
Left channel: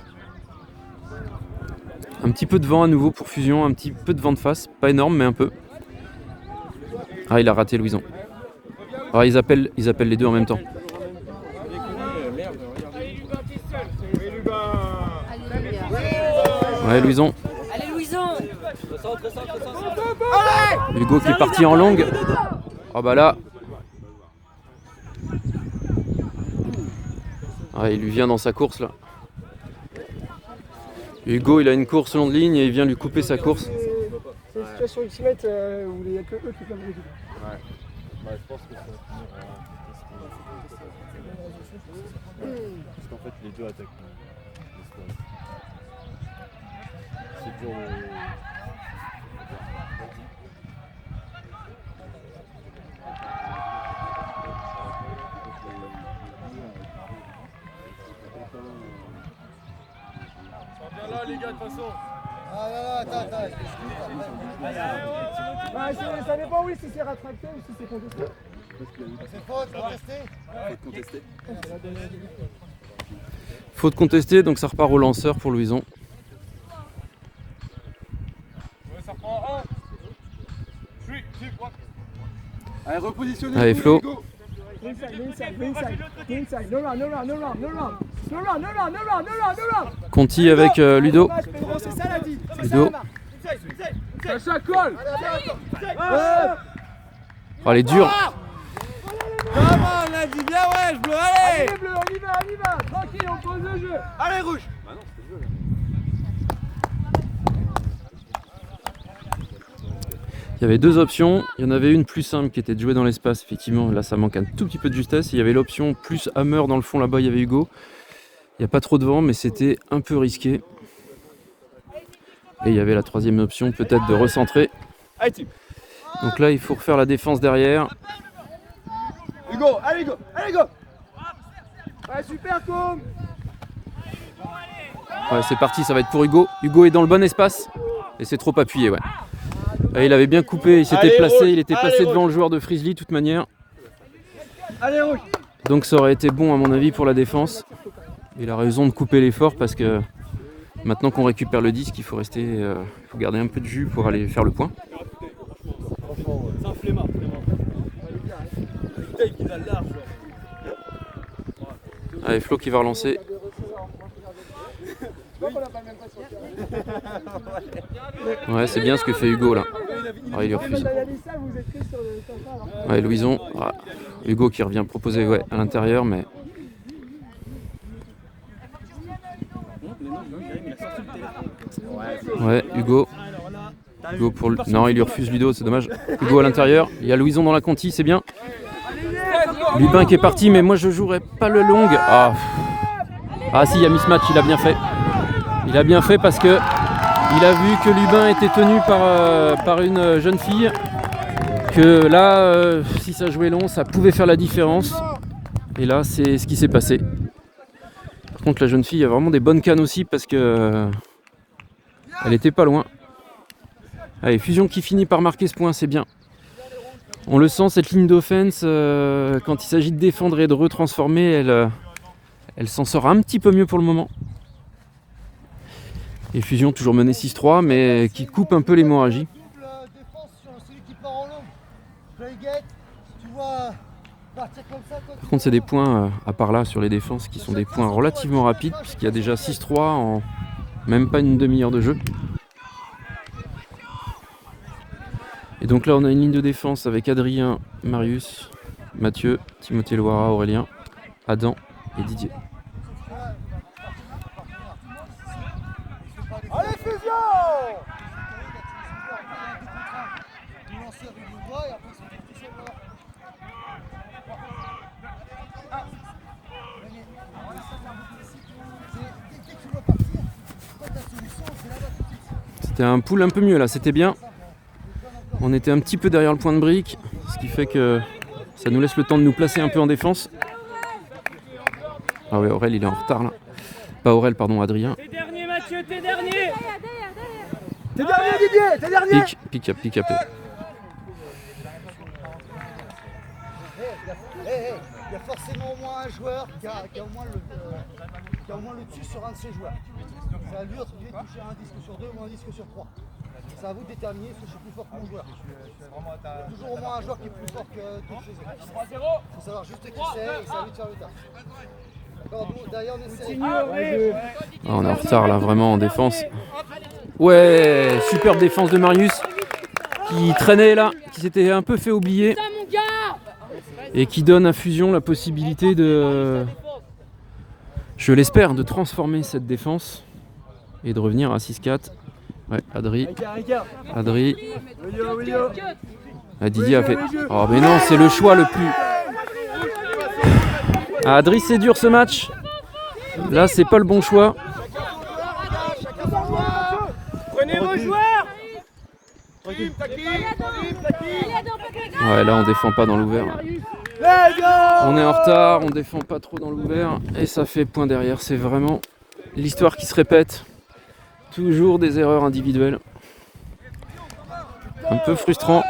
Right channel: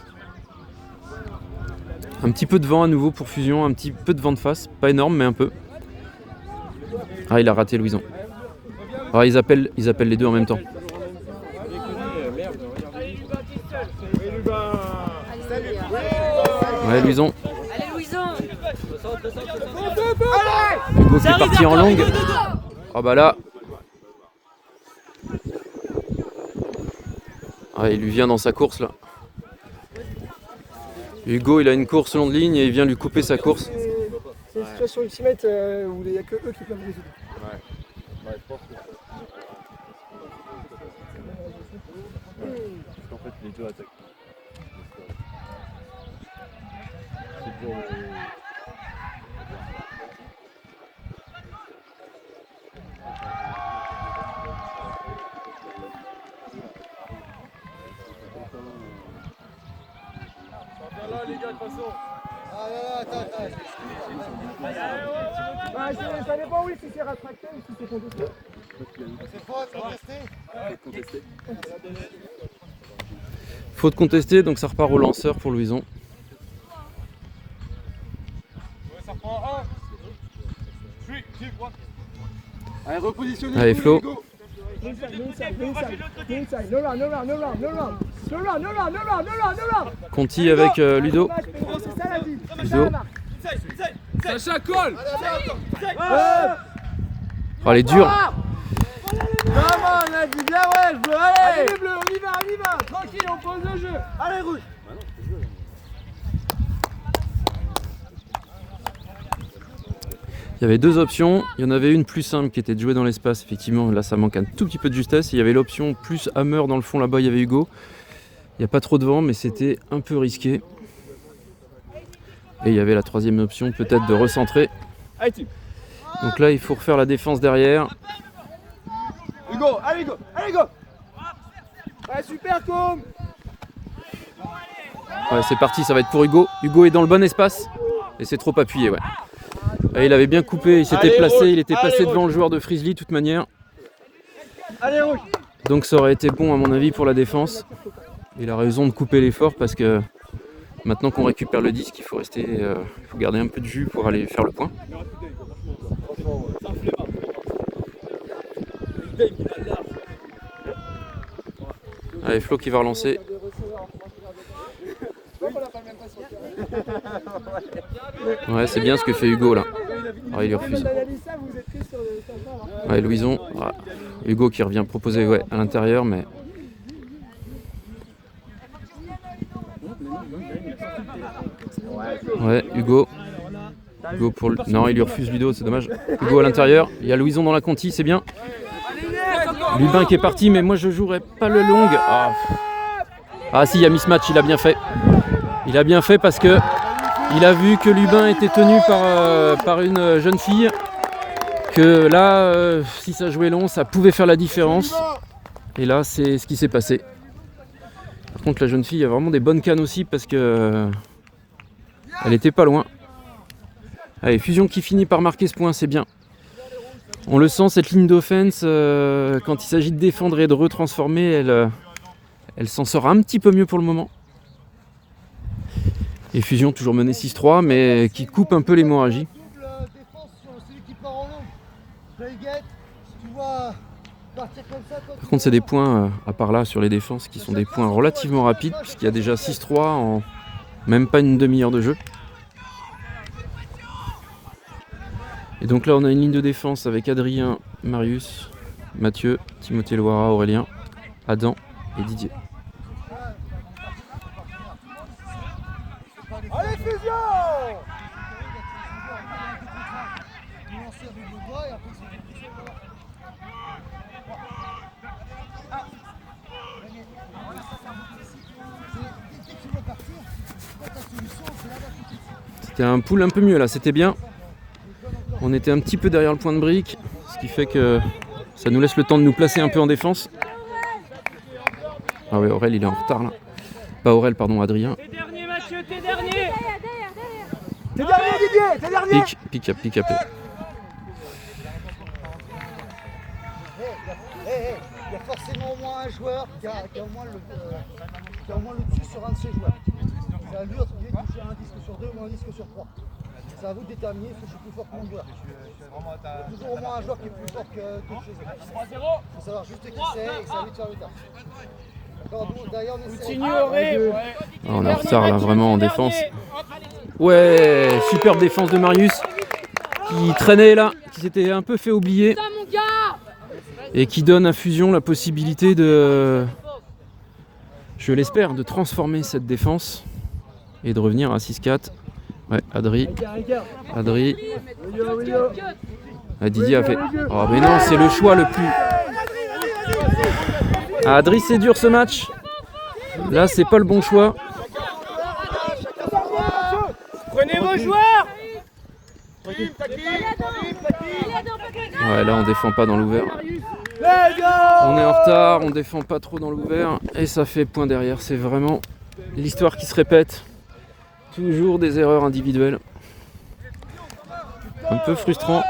Un petit peu de vent à nouveau pour Fusion, un petit peu de vent de face, pas énorme mais un peu. Ah, il a raté Louison. Ah, ils appellent les deux en même temps. Ouais, Louison. Allez, Louison. Hugo qui est parti en longue. Ah bah là. Ah, il lui vient dans sa course là. Hugo, il a une course longue ligne et il vient lui couper sa course. C'est une situation ultimate où il n'y a que eux qui peuvent résoudre. Ouais, je pense que ça. Parce qu'en fait, les deux attaquent. C'est dur de. Bah, ça dépend, oui, si c'est rattrapé ou si c'est contesté. C'est faux, contesté. Faute contestée, donc ça repart au lanceur pour Louison. Ça prend un. Allez, repositionnez. Allez, Flo. Conti avec Ludo. Ludo. Sacha colle. Oh, elle est dure. Comment on a dit bien, ouais, je veux aller. Allez, les bleus, on y va. Tranquille, on pose le jeu. Allez, rouge. Il y avait deux options. Il y en avait une plus simple qui était de jouer dans l'espace. Effectivement, là ça manque un tout petit peu de justesse. Il y avait l'option plus hammer dans le fond là-bas. Il y avait Hugo. Il n'y a pas trop de vent, mais c'était un peu risqué. Et il y avait la troisième option, peut-être de recentrer. Donc là, il faut refaire la défense derrière. Hugo, allez, Hugo. Allez, super, com. Ouais, c'est parti, ça va être pour Hugo. Hugo est dans le bon espace. Et c'est trop appuyé, ouais. Et il avait bien coupé, il s'était placé, il était passé devant le joueur de Frizzly de toute manière. Allez, rouge. Donc ça aurait été bon à mon avis pour la défense. Il a raison de couper l'effort parce que maintenant qu'on récupère le disque, il faut rester, il faut garder un peu de jus pour aller faire le point. Allez, Flo qui va relancer. Ouais, c'est bien ce que fait Hugo là. Ah, il lui refuse. Ouais, Louison. Ah, Hugo qui revient proposer, ouais, à l'intérieur, mais. Ouais, Hugo. Hugo pour le... Non, il lui refuse Ludo, c'est dommage. Hugo à l'intérieur. Il y a Louison dans la conti, c'est bien. Lubin qui est parti, mais moi je jouerai pas le long. Ah si, il y a mismatch, il a bien fait. Il a bien fait parce que il a vu que Lubin était tenu par une jeune fille. Que là, si ça jouait long, ça pouvait faire la différence. Et là, c'est ce qui s'est passé. Par contre, la jeune fille a vraiment des bonnes cannes aussi parce que elle était pas loin. Allez, Fusion qui finit par marquer ce point, c'est bien. On le sent, cette ligne d'offense, quand il s'agit de défendre et de retransformer, elle s'en sort un petit peu mieux pour le moment. Et Fusion toujours mené 6-3, mais qui coupe un peu l'hémorragie. Par contre, c'est des points, à part là, sur les défenses, qui sont des points relativement rapides, puisqu'il y a déjà 6-3 en même pas une demi-heure de jeu. Et donc là, on a une ligne de défense avec Adrien, Marius, Mathieu, Timothée Loira, Aurélien, Adam et Didier. Allez, Fusion! C'était un pool un peu mieux là, c'était bien. On était un petit peu derrière le point de brique, ce qui fait que ça nous laisse le temps de nous placer un peu en défense. Ah ouais, Aurel il est en retard là. Pas Aurel, pardon, Adrien. T'es dernier, Mathieu, t'es dernier. t'es dernier. Pick-up. Il y a forcément au moins un joueur qui a au moins le dessus sur un de ses joueurs. C'est à lui de toucher un disque sur 2 ou un disque sur 3. C'est à vous de déterminer si je suis plus fort que mon joueur. Il y a toujours au moins un joueur qui est plus fort que le ses autres. Il faut savoir juste qui c'est et c'est à lui de faire le taf. D'ailleurs, On est en retard là, vraiment en défense. Ouais, superbe défense de Marius qui traînait là, qui s'était un peu fait oublier et qui donne à Fusion la possibilité de, je l'espère, de transformer cette défense et de revenir à 6-4. Ouais, Adri. Ah, Didier a fait. Oh mais non, c'est le choix le plus. Ah, Adri, c'est dur ce match. Là, c'est pas le bon choix. Prenez vos joueurs. Ouais, là, on défend pas dans l'ouvert. On est en retard, on défend pas trop dans l'ouvert et ça fait point derrière. C'est vraiment l'histoire qui se répète. Toujours des erreurs individuelles. Un peu frustrant.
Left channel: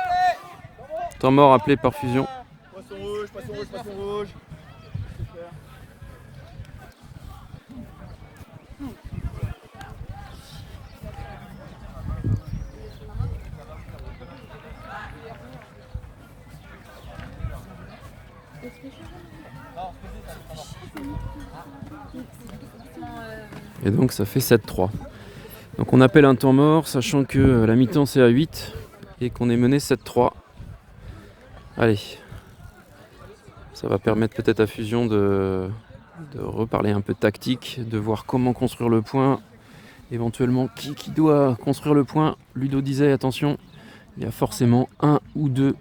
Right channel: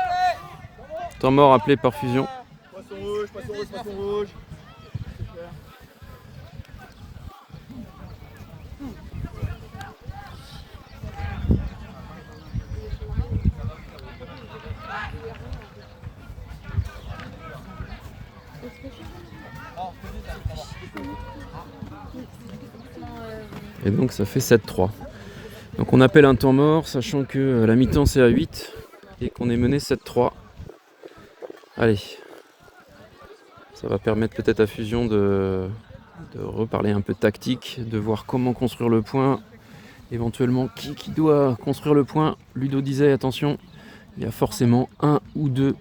Temps mort appelé par Fusion. Passe au rouge. Et donc ça fait 7-3. Donc on appelle un temps mort, sachant que la mi-temps c'est à 8 et qu'on est mené 7-3. Allez. Ça va permettre peut-être à Fusion de reparler un peu de tactique, de voir comment construire le point. Éventuellement, qui doit construire le point. Ludo disait, attention, il y a forcément un ou deux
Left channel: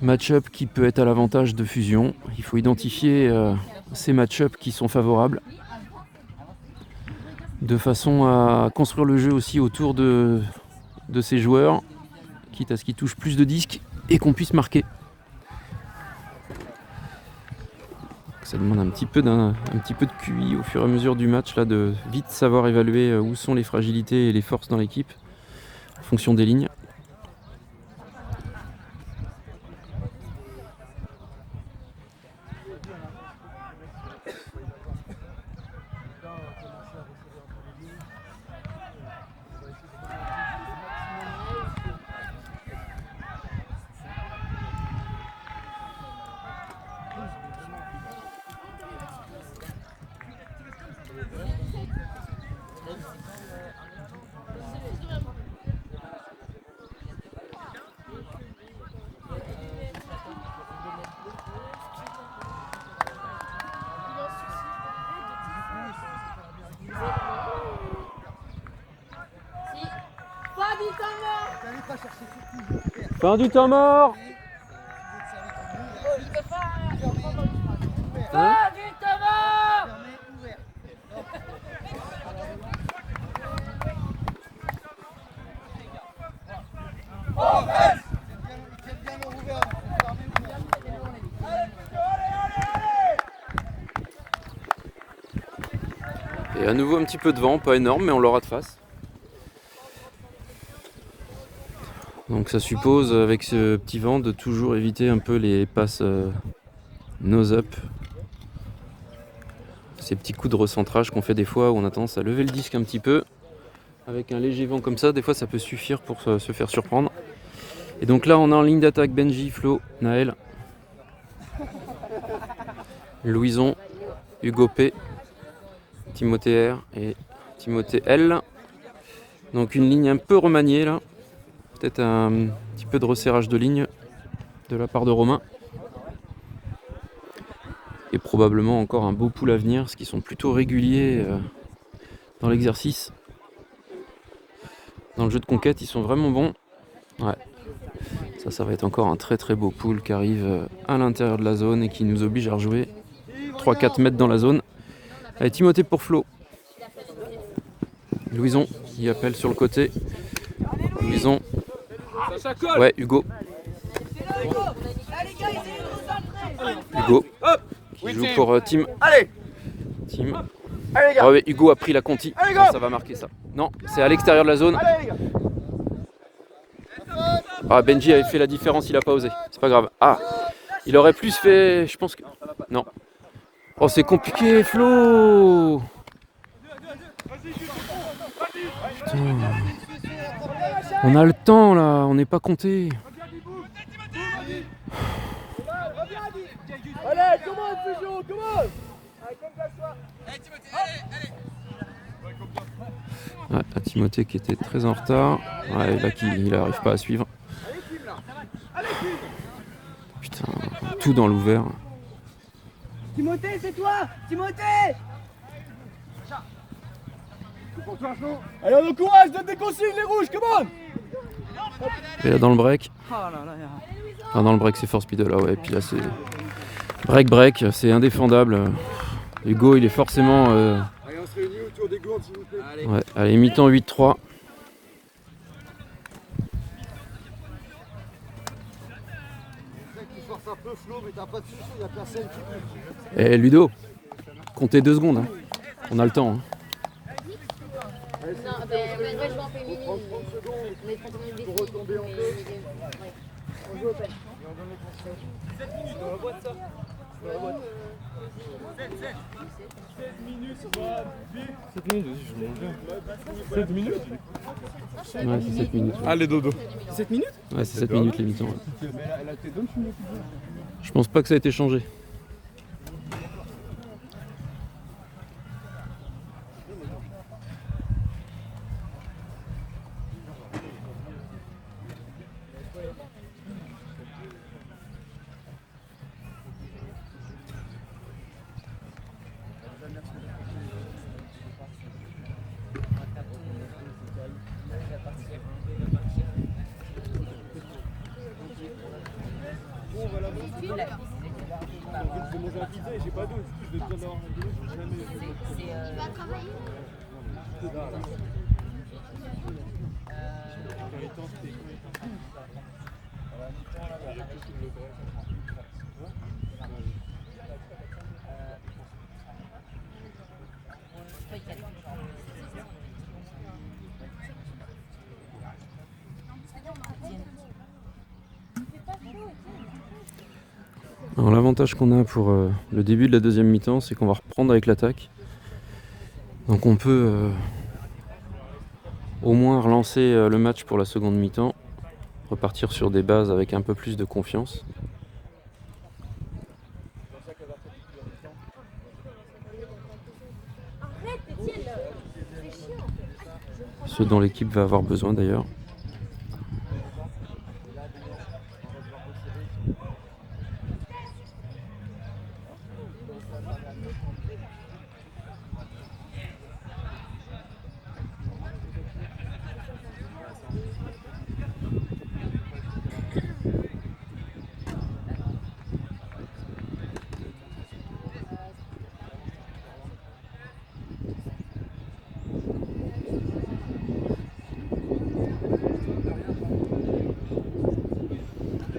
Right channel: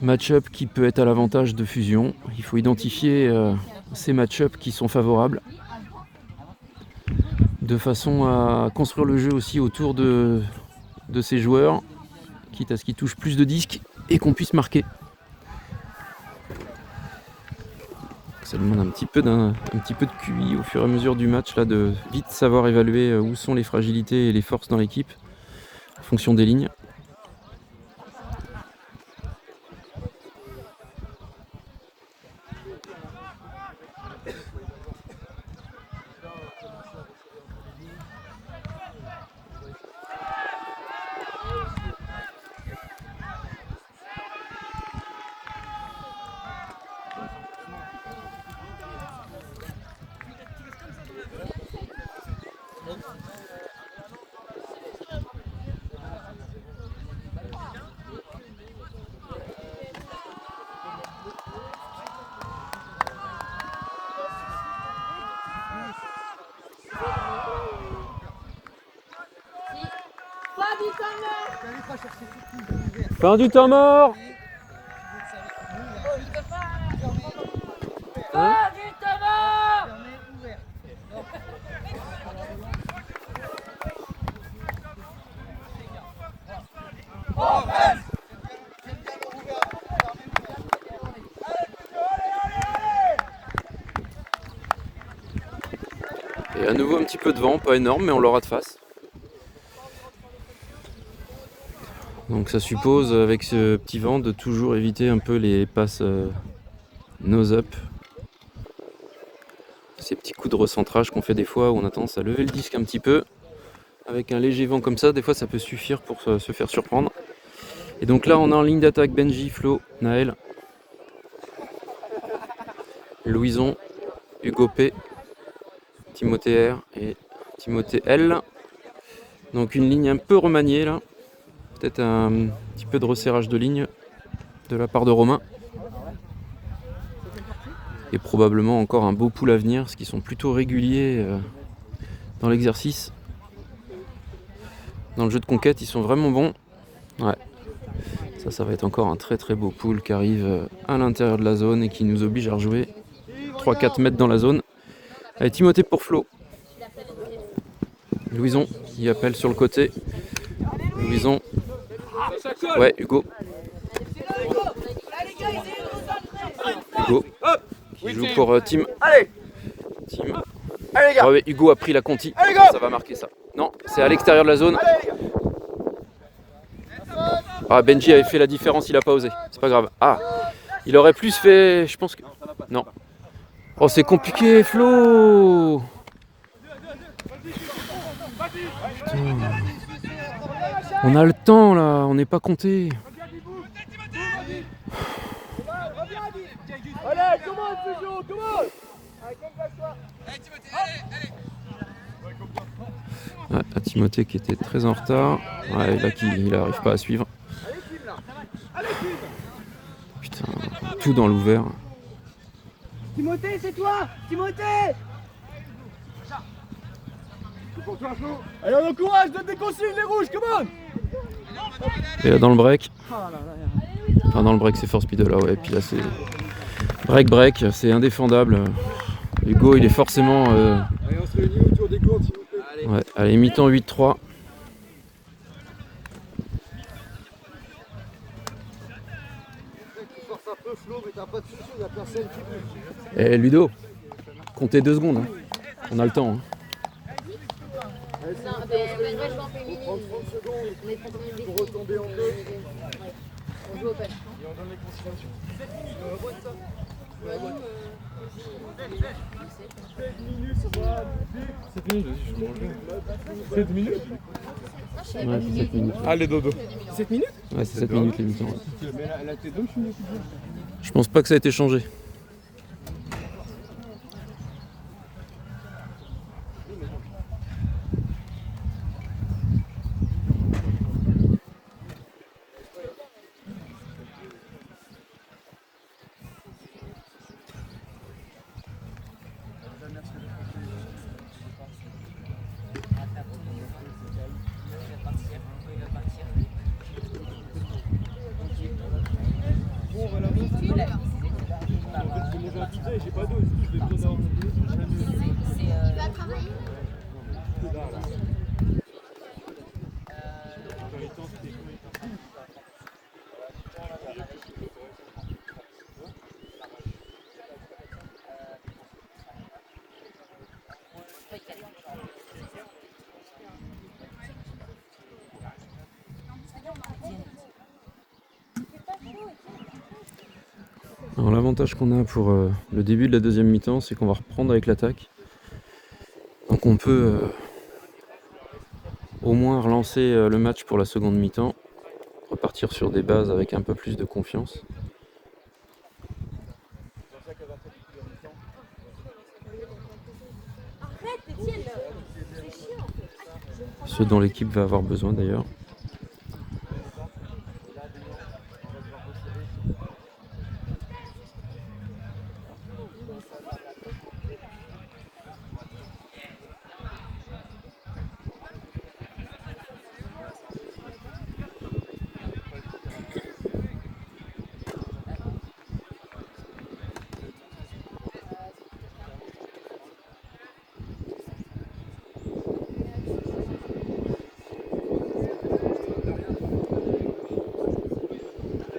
match-up qui peut être à l'avantage de Fusion. Il faut identifier ces match-up qui sont favorables, de façon à construire le jeu aussi autour de ces joueurs, quitte à ce qu'ils touchent plus de disques et qu'on puisse marquer. Ça demande un petit peu de QI au fur et à mesure du match, là, de vite savoir évaluer où sont les fragilités et les forces dans l'équipe en fonction des lignes. Fin du temps mort. Hein? Et à nouveau un petit peu de vent, pas énorme, mais on l'aura de face. Donc ça suppose, avec ce petit vent, de toujours éviter un peu les passes nose-up. Ces petits coups de recentrage qu'on fait des fois où on a tendance à lever le disque un petit peu. Avec un léger vent comme ça, des fois ça peut suffire pour se faire surprendre. Et donc là on a en ligne d'attaque Benji, Flo, Naël, Louison, Hugo P, Timothée R et Timothée L. Donc une ligne un peu remaniée là. Peut-être un petit peu de resserrage de ligne de la part de Romain. Et probablement encore un beau pool à venir, parce qu'ils sont plutôt réguliers dans l'exercice. Dans le jeu de conquête, ils sont vraiment bons. Ouais. Ça va être encore un très très beau pool qui arrive à l'intérieur de la zone et qui nous oblige à rejouer 3-4 mètres dans la zone. Allez, Timothée pour Flo. Louison qui appelle sur le côté. Louison. Ouais, Hugo. Hugo. Qui joue pour Tim. Tim. Ah ouais, Hugo a pris la conti. Ça va marquer ça. Non, c'est à l'extérieur de la zone. Ah, Benji avait fait la différence, il a pas osé. C'est pas grave. Ah, il aurait plus fait, je pense que... Non. Oh, c'est compliqué, Flo. Putain. On a le temps, là. On n'est pas compté. Allez, comment toujours, comment? Ouais, à Timothée qui était très en retard. Ouais, là, il n'arrive pas à suivre. Putain, tout dans l'ouvert. Timothée, c'est toi! Timothée! Allez, on encourage, donne des consignes, les rouges, comment? Et là, dans le break. Enfin, dans le break, c'est force speed là, ouais. Et puis là, c'est break, c'est indéfendable. Hugo, il est forcément. Allez, on se réunit autour des gourdes, s'il vous plaît. Ouais, allez, mi-temps 8-3. Tu forces un peu, Flo, mais t'as pas de soucis, il n'y a personne qui bouge. Et Ludo, comptez 2 secondes. Hein. On a le temps. Hein. Allez, s'il vous plaît, on prend 30 secondes pour retomber en jeu. On joue au punch. Et on donne les consignations. Ouais, c'est 7 minutes. Allez, dodo. 7 minutes? Ouais, c'est 7 minutes les mi-temps. Ouais. Mais elle a tes deux, je me dis. Je pense pas que ça a été changé. Bon, on va la montrer. En fait, c'est mon identité, j'ai pas d'eau. Je vais te donner un jamais. Que dalle, là. Alors l'avantage qu'on a pour le début de la deuxième mi-temps, c'est qu'on va reprendre avec l'attaque. Donc on peut au moins relancer le match pour la seconde mi-temps, repartir sur des bases avec un peu plus de confiance. Ce dont l'équipe va avoir besoin d'ailleurs.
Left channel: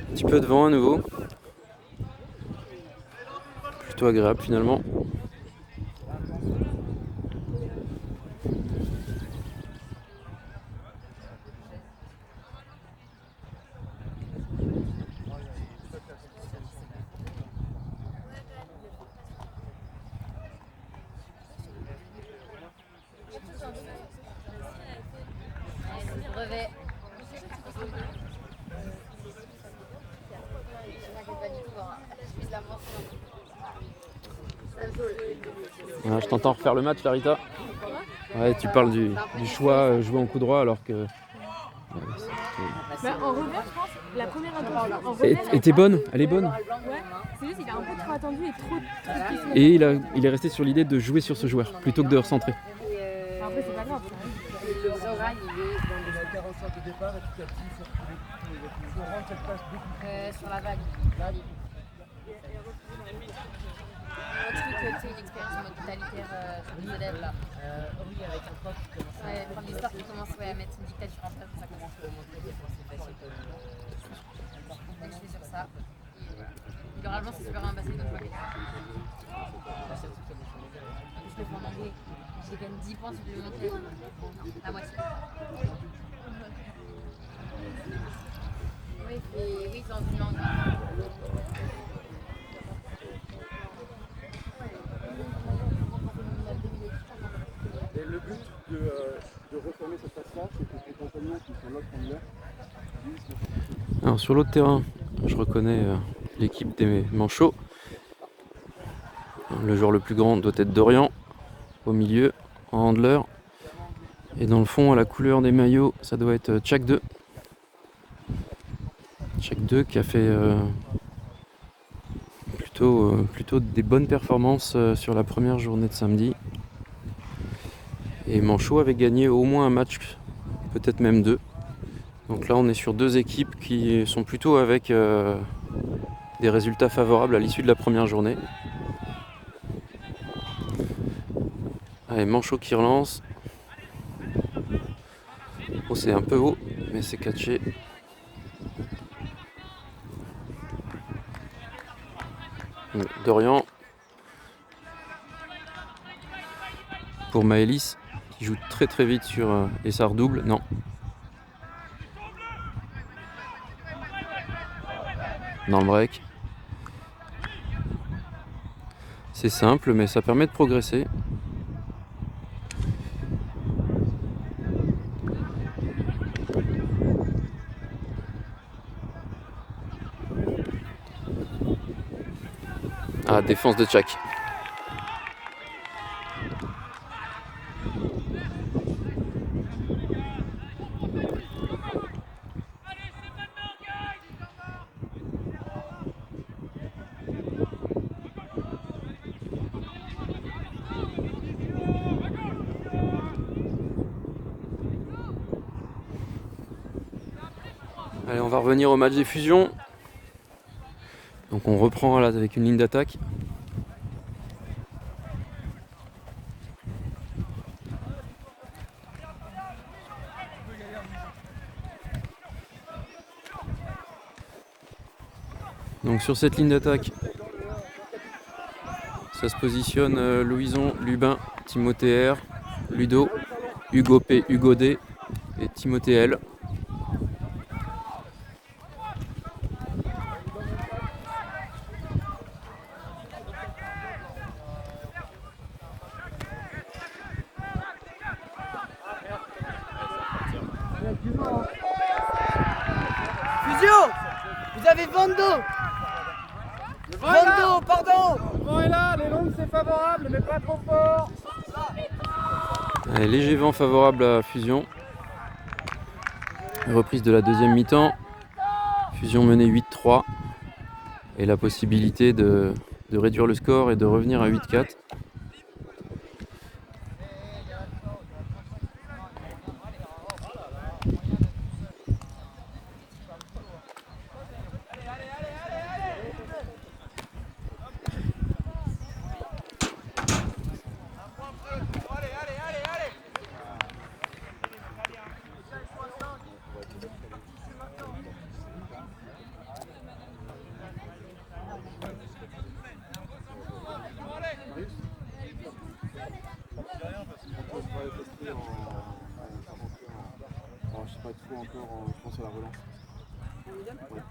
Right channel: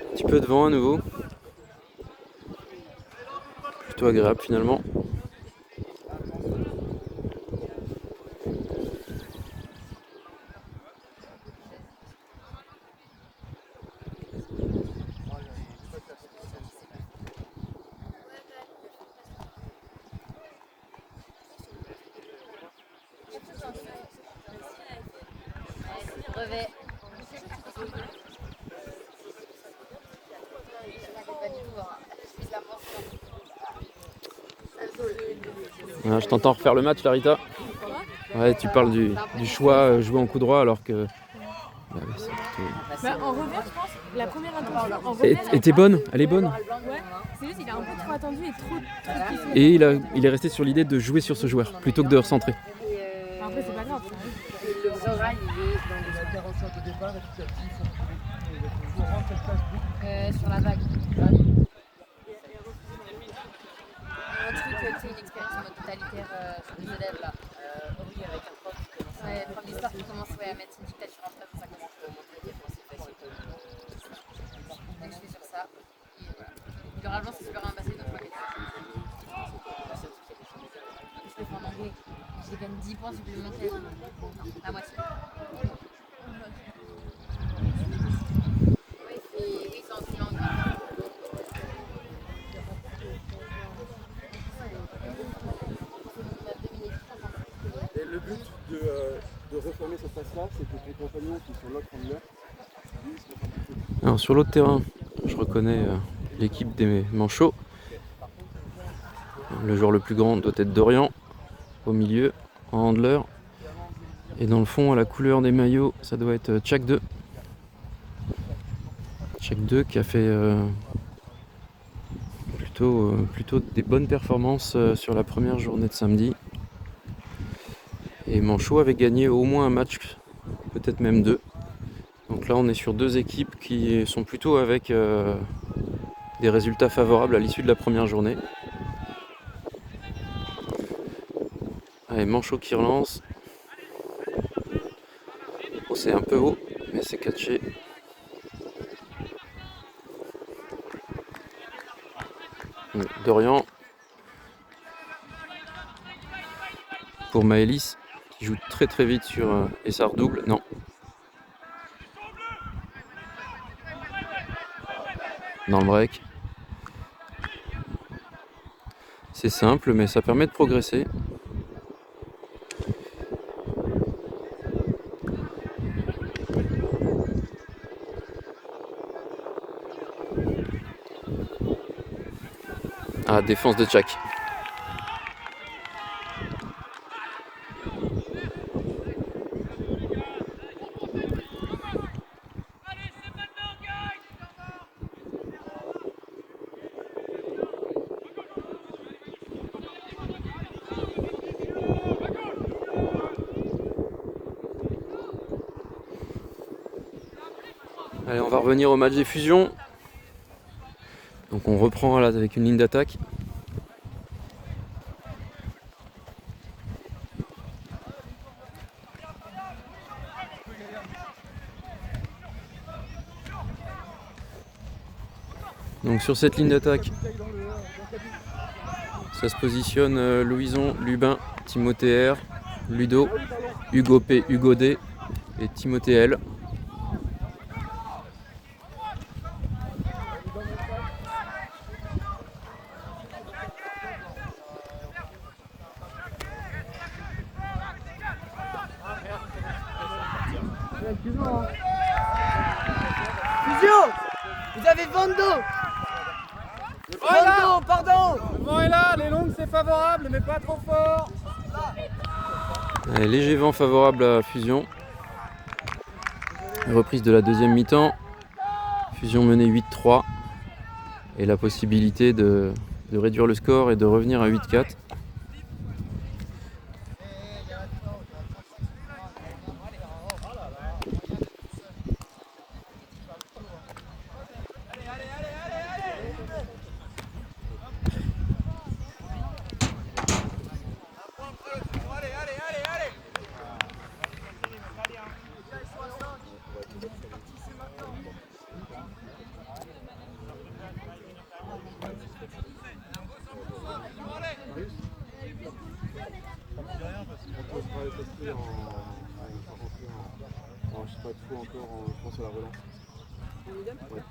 Un petit peu de vent à nouveau. Plutôt agréable finalement. Brevet. Voilà, je t'entends refaire le match, Larita. Ouais, tu parles du choix jouer en coup droit alors que. Ouais, En revers, je pense, la première intention. En revers, et t'es bonne, elle est bonne. ouais, c'est juste qu'il a un peu trop attendu et trop poussé. Et il est resté sur l'idée de jouer sur ce joueur plutôt que de recentrer. Après, c'est pas grave. Le Zoran, il est dans Il a 45 au départ et petit à petit, il faut rendre cette place beaucoup. sur la vague. Un truc, tu sais, une expérience en mode totalitaire sur les élèves là. Oui, avec un prof qui commence à. Ouais, prof d'histoire qui commence à mettre une dictature en place, ça commence à monter des fois, c'est facile. On joue sur ça. Et voilà. Généralement, c'est super bien passé dans le je le fais en anglais. J'ai quand même 10 points supplémentaires. La moitié. ça, c'est que tes compagnons qui sont là prendre l'heure. Alors sur l'autre terrain, je reconnais l'équipe des Manchots. Le joueur le plus grand doit être Dorian, au milieu, en handler. Et dans le fond, à la couleur des maillots, ça doit être Tchak 2. Tchak 2 qui a fait plutôt des bonnes performances sur la première journée de samedi. Et Manchot avait gagné au moins un match, peut-être même 2. Donc là on est sur 2 équipes qui sont plutôt avec des résultats favorables à l'issue de la première journée. Allez, Manchot qui relance. Oh, c'est un peu haut, mais c'est catché. Dorian pour Maëlys qui joue très très vite sur et ça redouble. Non. Dans le break. C'est simple, mais ça permet de progresser. Ah, défense de Tchak. Allez, on va revenir au match des fusions. Donc on reprend là avec une ligne d'attaque. Donc sur cette ligne d'attaque, ça se positionne Louison, Lubin, Timothée R, Ludo, Hugo P, Hugo D et Timothée L. Fusion, vous avez Vando. Vando, pardon. Le vent est là, les longues c'est favorable, mais pas trop fort. Allez, léger vent favorable à Fusion. Reprise de la deuxième mi-temps. Fusion menée 8-3. Et la possibilité de réduire le score et de revenir à 8-4. Alors, je sais pas trop encore, je pense à la relance.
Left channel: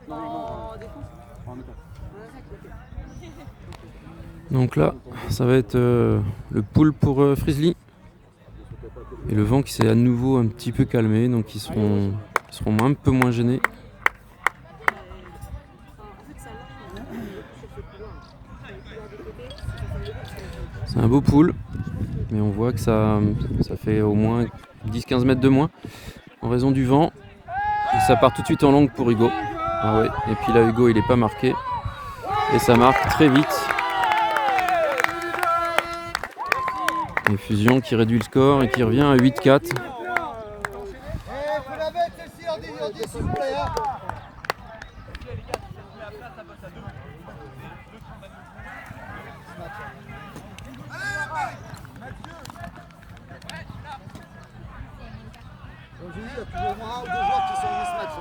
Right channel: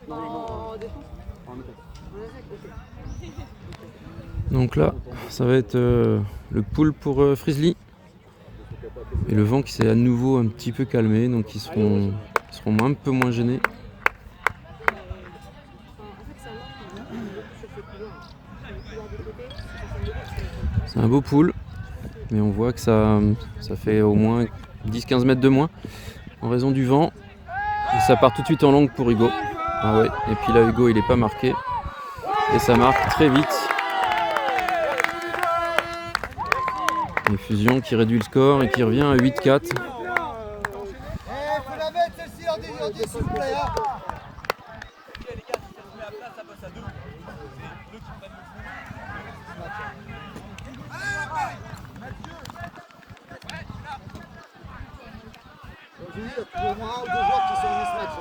Non, en défense. Donc là, ça va être le pull pour Frizzly. Et le vent qui s'est à nouveau un petit peu calmé, donc ils seront un peu moins gênés. C'est un beau pull, mais on voit que ça fait au moins 10-15 mètres de moins en raison du vent. Et ça part tout de suite en longue pour Hugo. Ah ouais, et puis là Hugo il n'est pas marqué. Et ça marque très vite. Une fusion qui réduit le score et qui revient à 8-4. Faut la mettre celle-ci en 10 s'il vous plaît. J'ai eu au moins un ou deux joueurs qui sont en mismatch.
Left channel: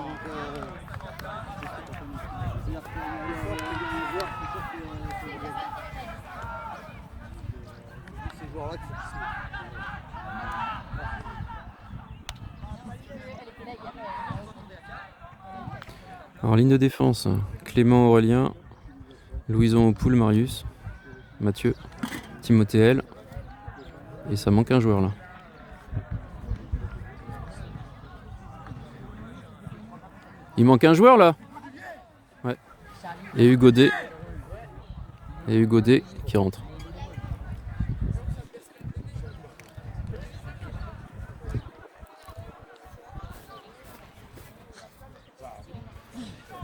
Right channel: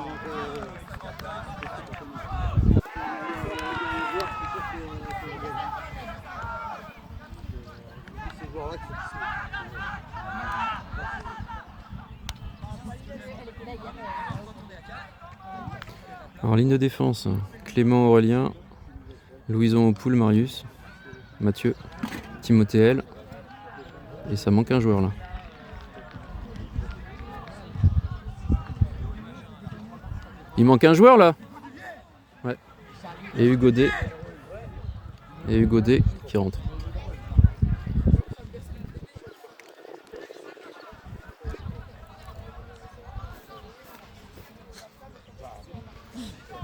Ces joueurs-là qui sont. Alors ligne de défense, Clément Aurélien, Louison Opoul, Marius, Mathieu, Timothée L. Et ça manque un joueur là. Il manque un joueur là. Ouais. Et Hugo D. Et Hugo D qui rentre.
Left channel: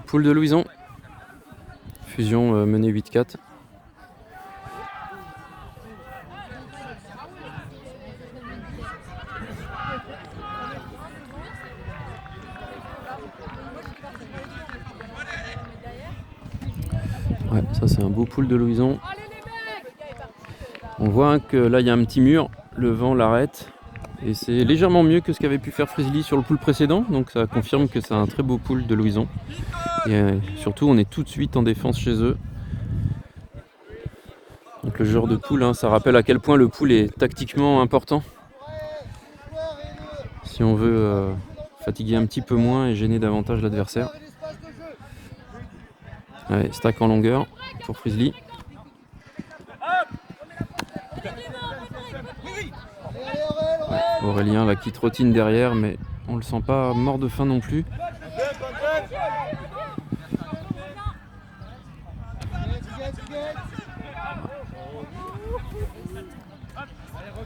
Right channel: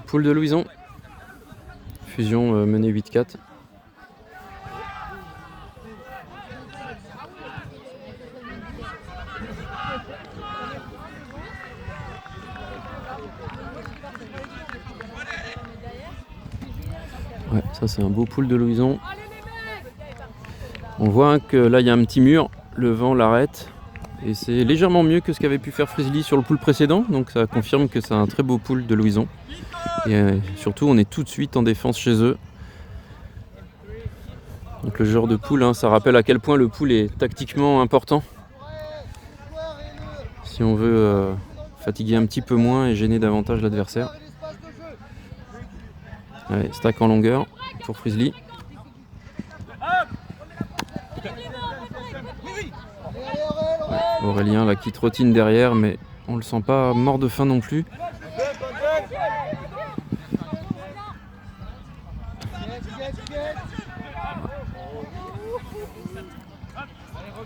Poule de Louison. Fusion menée 8-4. Ouais, ça c'est un beau pool de Louison. On voit que là il y a un petit mur, le vent l'arrête. Et c'est légèrement mieux que ce qu'avait pu faire Frizzly sur le pool précédent. Donc ça confirme que c'est un très beau pool de Louison. Et surtout on est tout de suite en défense chez eux. Donc le genre de pool, hein, ça rappelle à quel point le pool est tactiquement important. Si on veut fatiguer un petit peu moins et gêner davantage l'adversaire. Allez, stack en longueur pour Frizzly. Ouais, Aurélien là qui trottine derrière, mais on le sent pas mort de faim non plus.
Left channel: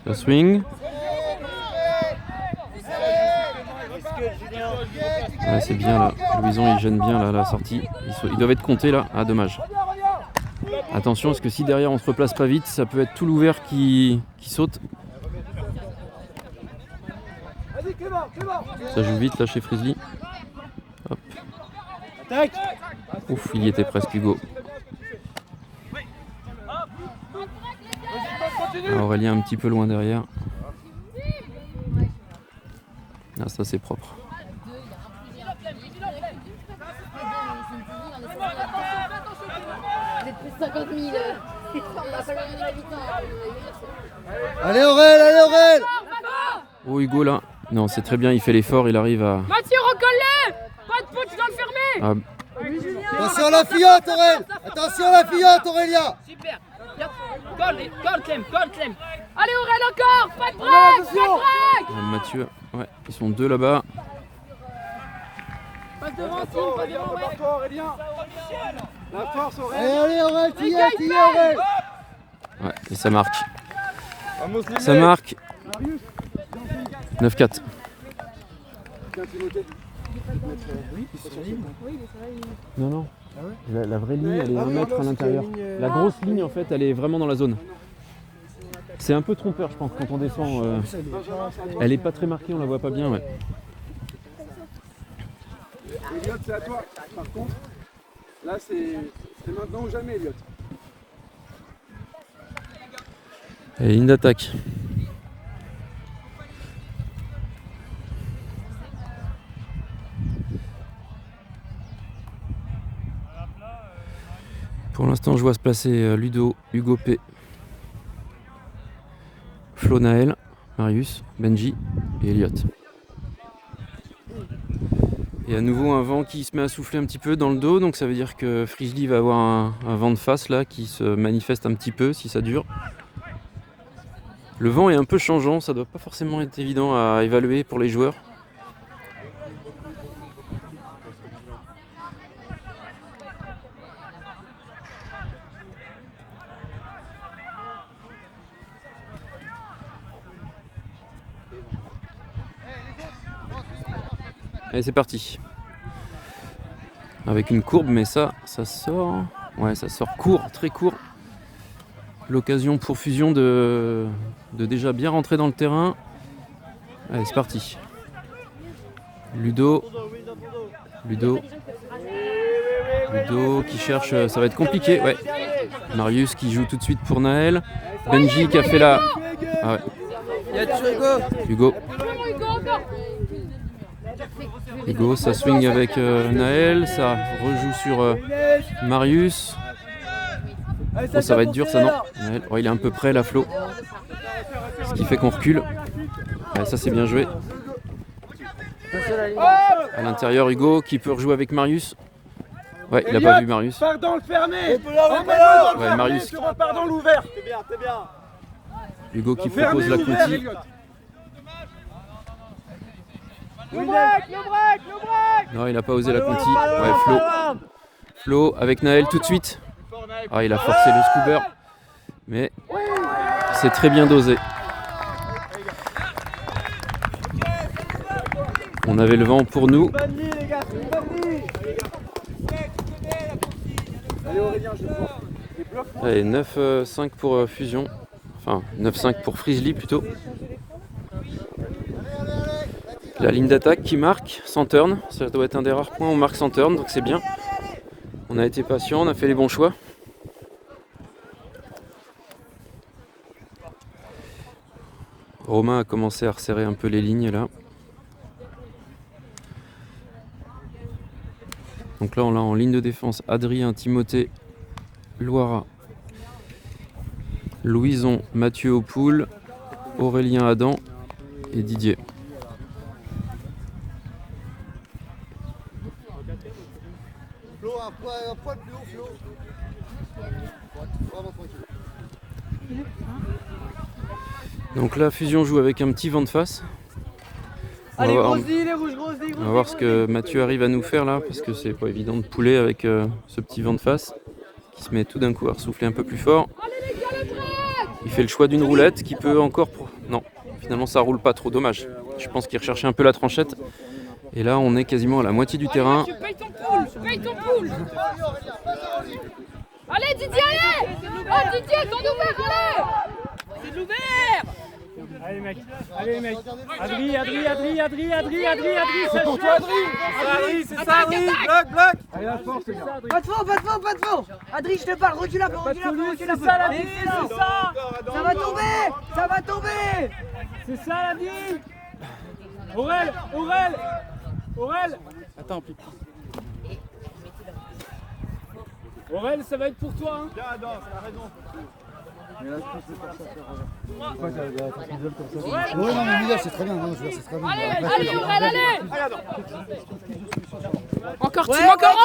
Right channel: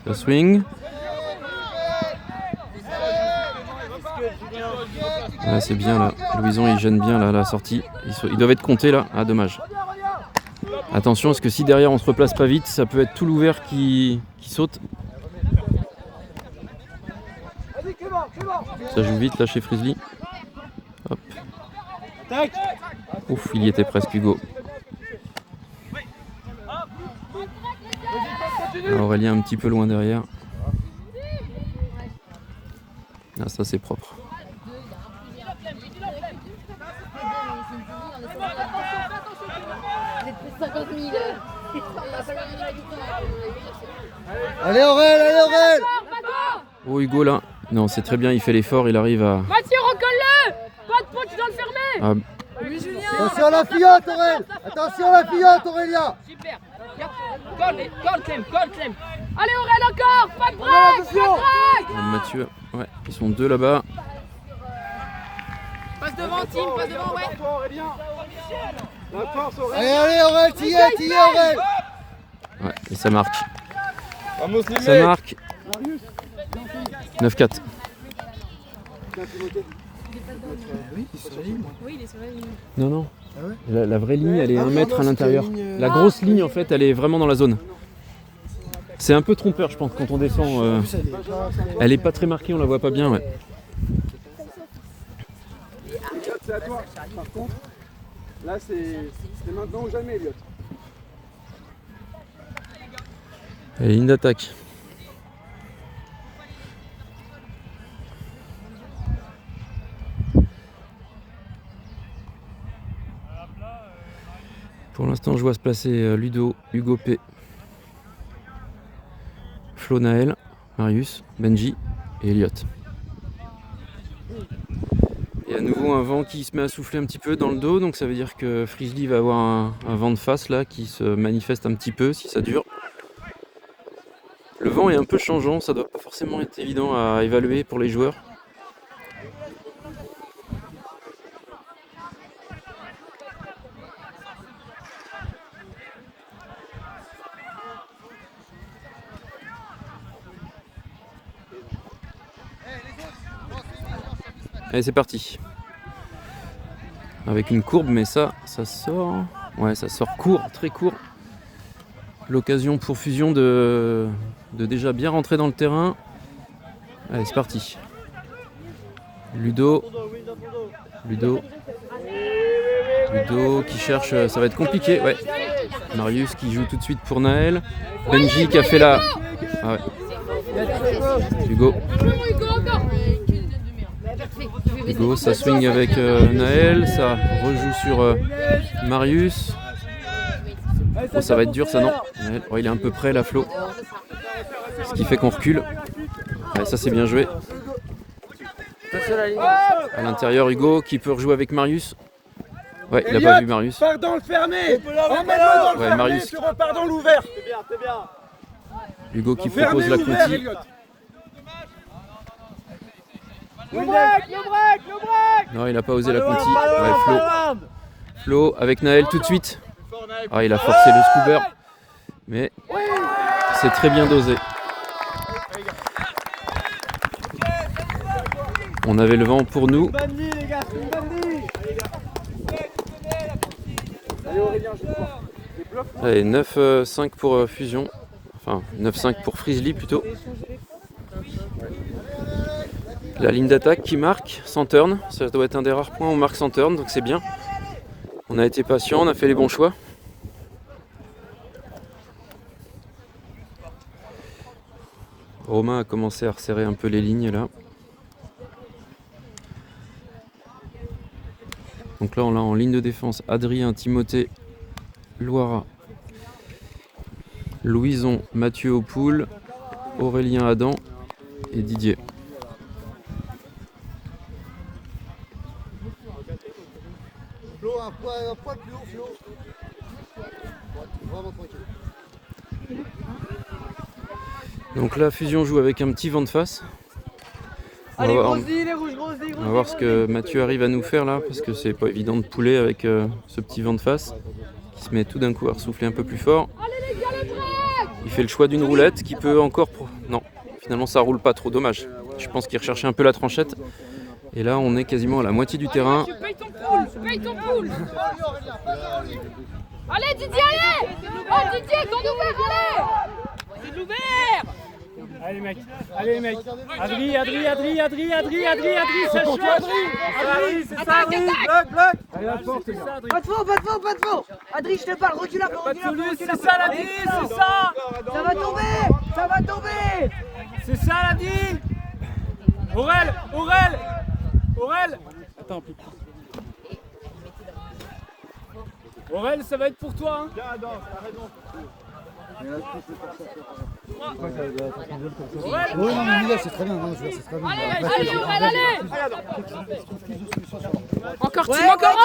Le swing. Ah, c'est bien là. Louison il gêne bien là la sortie. Ils doivent être comptés là. Ah dommage. Attention parce que si derrière on se replace pas vite, ça peut être tout l'ouvert qui saute. Ça joue vite là chez Frizzly. Hop. Ouf, il y était presque Hugo. Ah, Aurélien un petit peu loin derrière. Ah ça c'est propre. Allez Aurel, allez Aurel. Oh Hugo là. Non c'est très bien, il fait l'effort, il arrive à... Mathieu, recolle-le. Pas de faute, tu dois le fermer. Ah, Attention à la fillette Aurel. Attention à la fillette Aurélia. Super. Colle, Clem. Allez, Aurel, encore. Pas de break. Mathieu, ouais, ils sont deux là-bas. Passe devant, Tim, passe devant, ouais. Allez Aurel, t'y es Aurel. Ouais, et ça marque. Ça marque. 9-4. Oui, il est sur la ligne. Non. La vraie ligne, elle est 1 mètre à l'intérieur. La grosse ligne, en fait, elle est vraiment dans la zone. C'est un peu trompeur, je pense, quand on descend. Elle est pas très marquée, on la voit pas bien. Ouais. Elliot, c'est à toi. Par contre, là, c'est maintenant ou jamais, Elliot. Allez, ligne d'attaque. Pour l'instant, je vois se placer Ludo, Hugo P, Flo Naël, Marius, Benji et Elliot. Et à nouveau un vent qui se met à souffler un petit peu dans le dos, donc ça veut dire que Frizzly va avoir un vent de face là qui se manifeste un petit peu si ça dure. Le vent est un peu changeant, ça doit pas forcément être évident à évaluer pour les joueurs. Allez, c'est parti. Avec une courbe, mais ça sort. Ouais, ça sort court, très court. L'occasion pour Fusion de déjà bien rentrer dans le terrain. Allez, c'est parti. Ludo qui cherche, ça va être compliqué. Ouais. Marius qui joue tout de suite pour Naël. Benji qui a fait la... Ah ouais. Hugo, ça swing avec Naël, ça rejoue sur Marius. Oh, ça va être dur ça, non? Naël, oh, il est un peu près là, Flo. Ce qui fait qu'on recule. Ouais, ça c'est bien joué. À l'intérieur, Hugo qui peut rejouer avec Marius. Ouais, il a pas vu Marius. Pardon, le fermer. Ouais, Marius. Pardon, l'ouvert. Hugo qui propose la conti. Le break. Non, il n'a pas osé la conti. Ouais, Flo avec Naël tout de suite. Ah, il a forcé le scuber. Mais c'est très bien dosé. On avait le vent pour nous. Allez, 9-5 pour Fusion. Enfin, 9-5 pour Frizzly plutôt. La ligne d'attaque qui marque sans turn. Ça doit être un des rares points où on marque sans turn, donc c'est bien. On a été patient, on a fait les bons choix. Romain a commencé à resserrer un peu les lignes là. Donc là on a en ligne de défense Adrien, Timothée, Loira, Louison, Mathieu Aupoul, Aurélien Adam et Didier. Flo, un poil plus haut, Flo. Vraiment tranquille. Donc là Fusion joue avec un petit vent de face. On va voir ce que Mathieu arrive à nous faire là, parce que c'est pas évident de pouler avec ce petit vent de face qui se met tout d'un coup à souffler un peu plus fort. Il fait le choix d'une roulette qui peut encore... Non, finalement ça roule pas trop, dommage. Je pense qu'il recherchait un peu la tranchette. Et là on est quasiment à la moitié du terrain. Paye ton pool. Allez Didier, allez. Oh Didier, ton ouvert, allez. C'est l'ouvert. Allez mec, Adri, ça cherche. C'est ça, Adri. Bloc. Allez, la force, les gars. Pas de fond. Adri, je te parle, recule là. C'est ça, Adri, c'est ça. Ça va tomber. C'est ça, Adri. Aurel. Attends, plus. Aurel, ça va être pour toi. C'est très bien, non, c'est très bien. Allez, Aurel, allez. Encore, Tim, encore.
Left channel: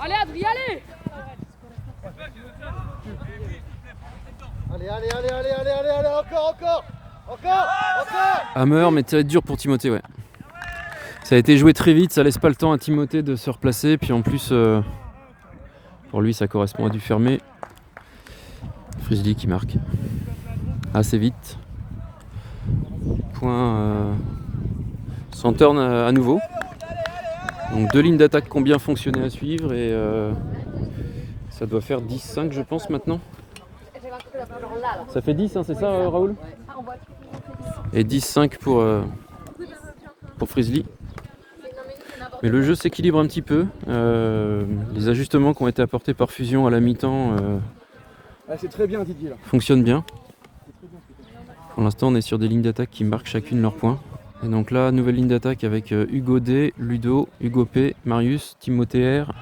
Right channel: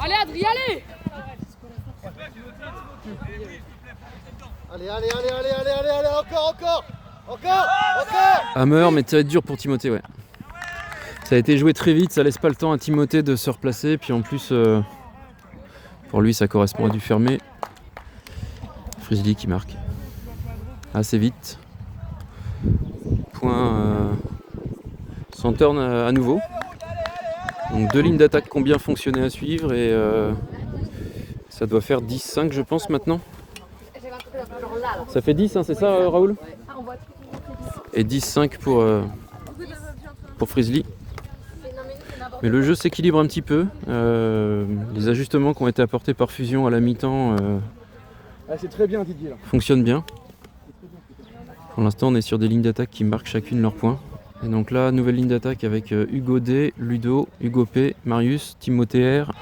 Allez, Adri, allez. Allez, encore. Hammer, mais tiré dur pour Timothée, ouais. Ça a été joué très vite, ça laisse pas le temps à Timothée de se replacer, puis en plus, pour lui, ça correspond à du fermé. Frizzly qui marque assez vite. Point sans turn à nouveau. Donc 2 lignes d'attaque qui ont bien fonctionné à suivre et ça doit faire 10-5 je pense maintenant. Ça fait 10 hein, c'est ça Raoul? Et 10-5 pour Frizzly. Mais le jeu s'équilibre un petit peu. Les ajustements qui ont été apportés par Fusion à la mi-temps C'est très bien Didier là. fonctionnent bien. Pour l'instant on est sur des lignes d'attaque qui marquent chacune leur point. Et donc là, nouvelle ligne d'attaque avec Hugo D, Ludo, Hugo P, Marius, Timothée R,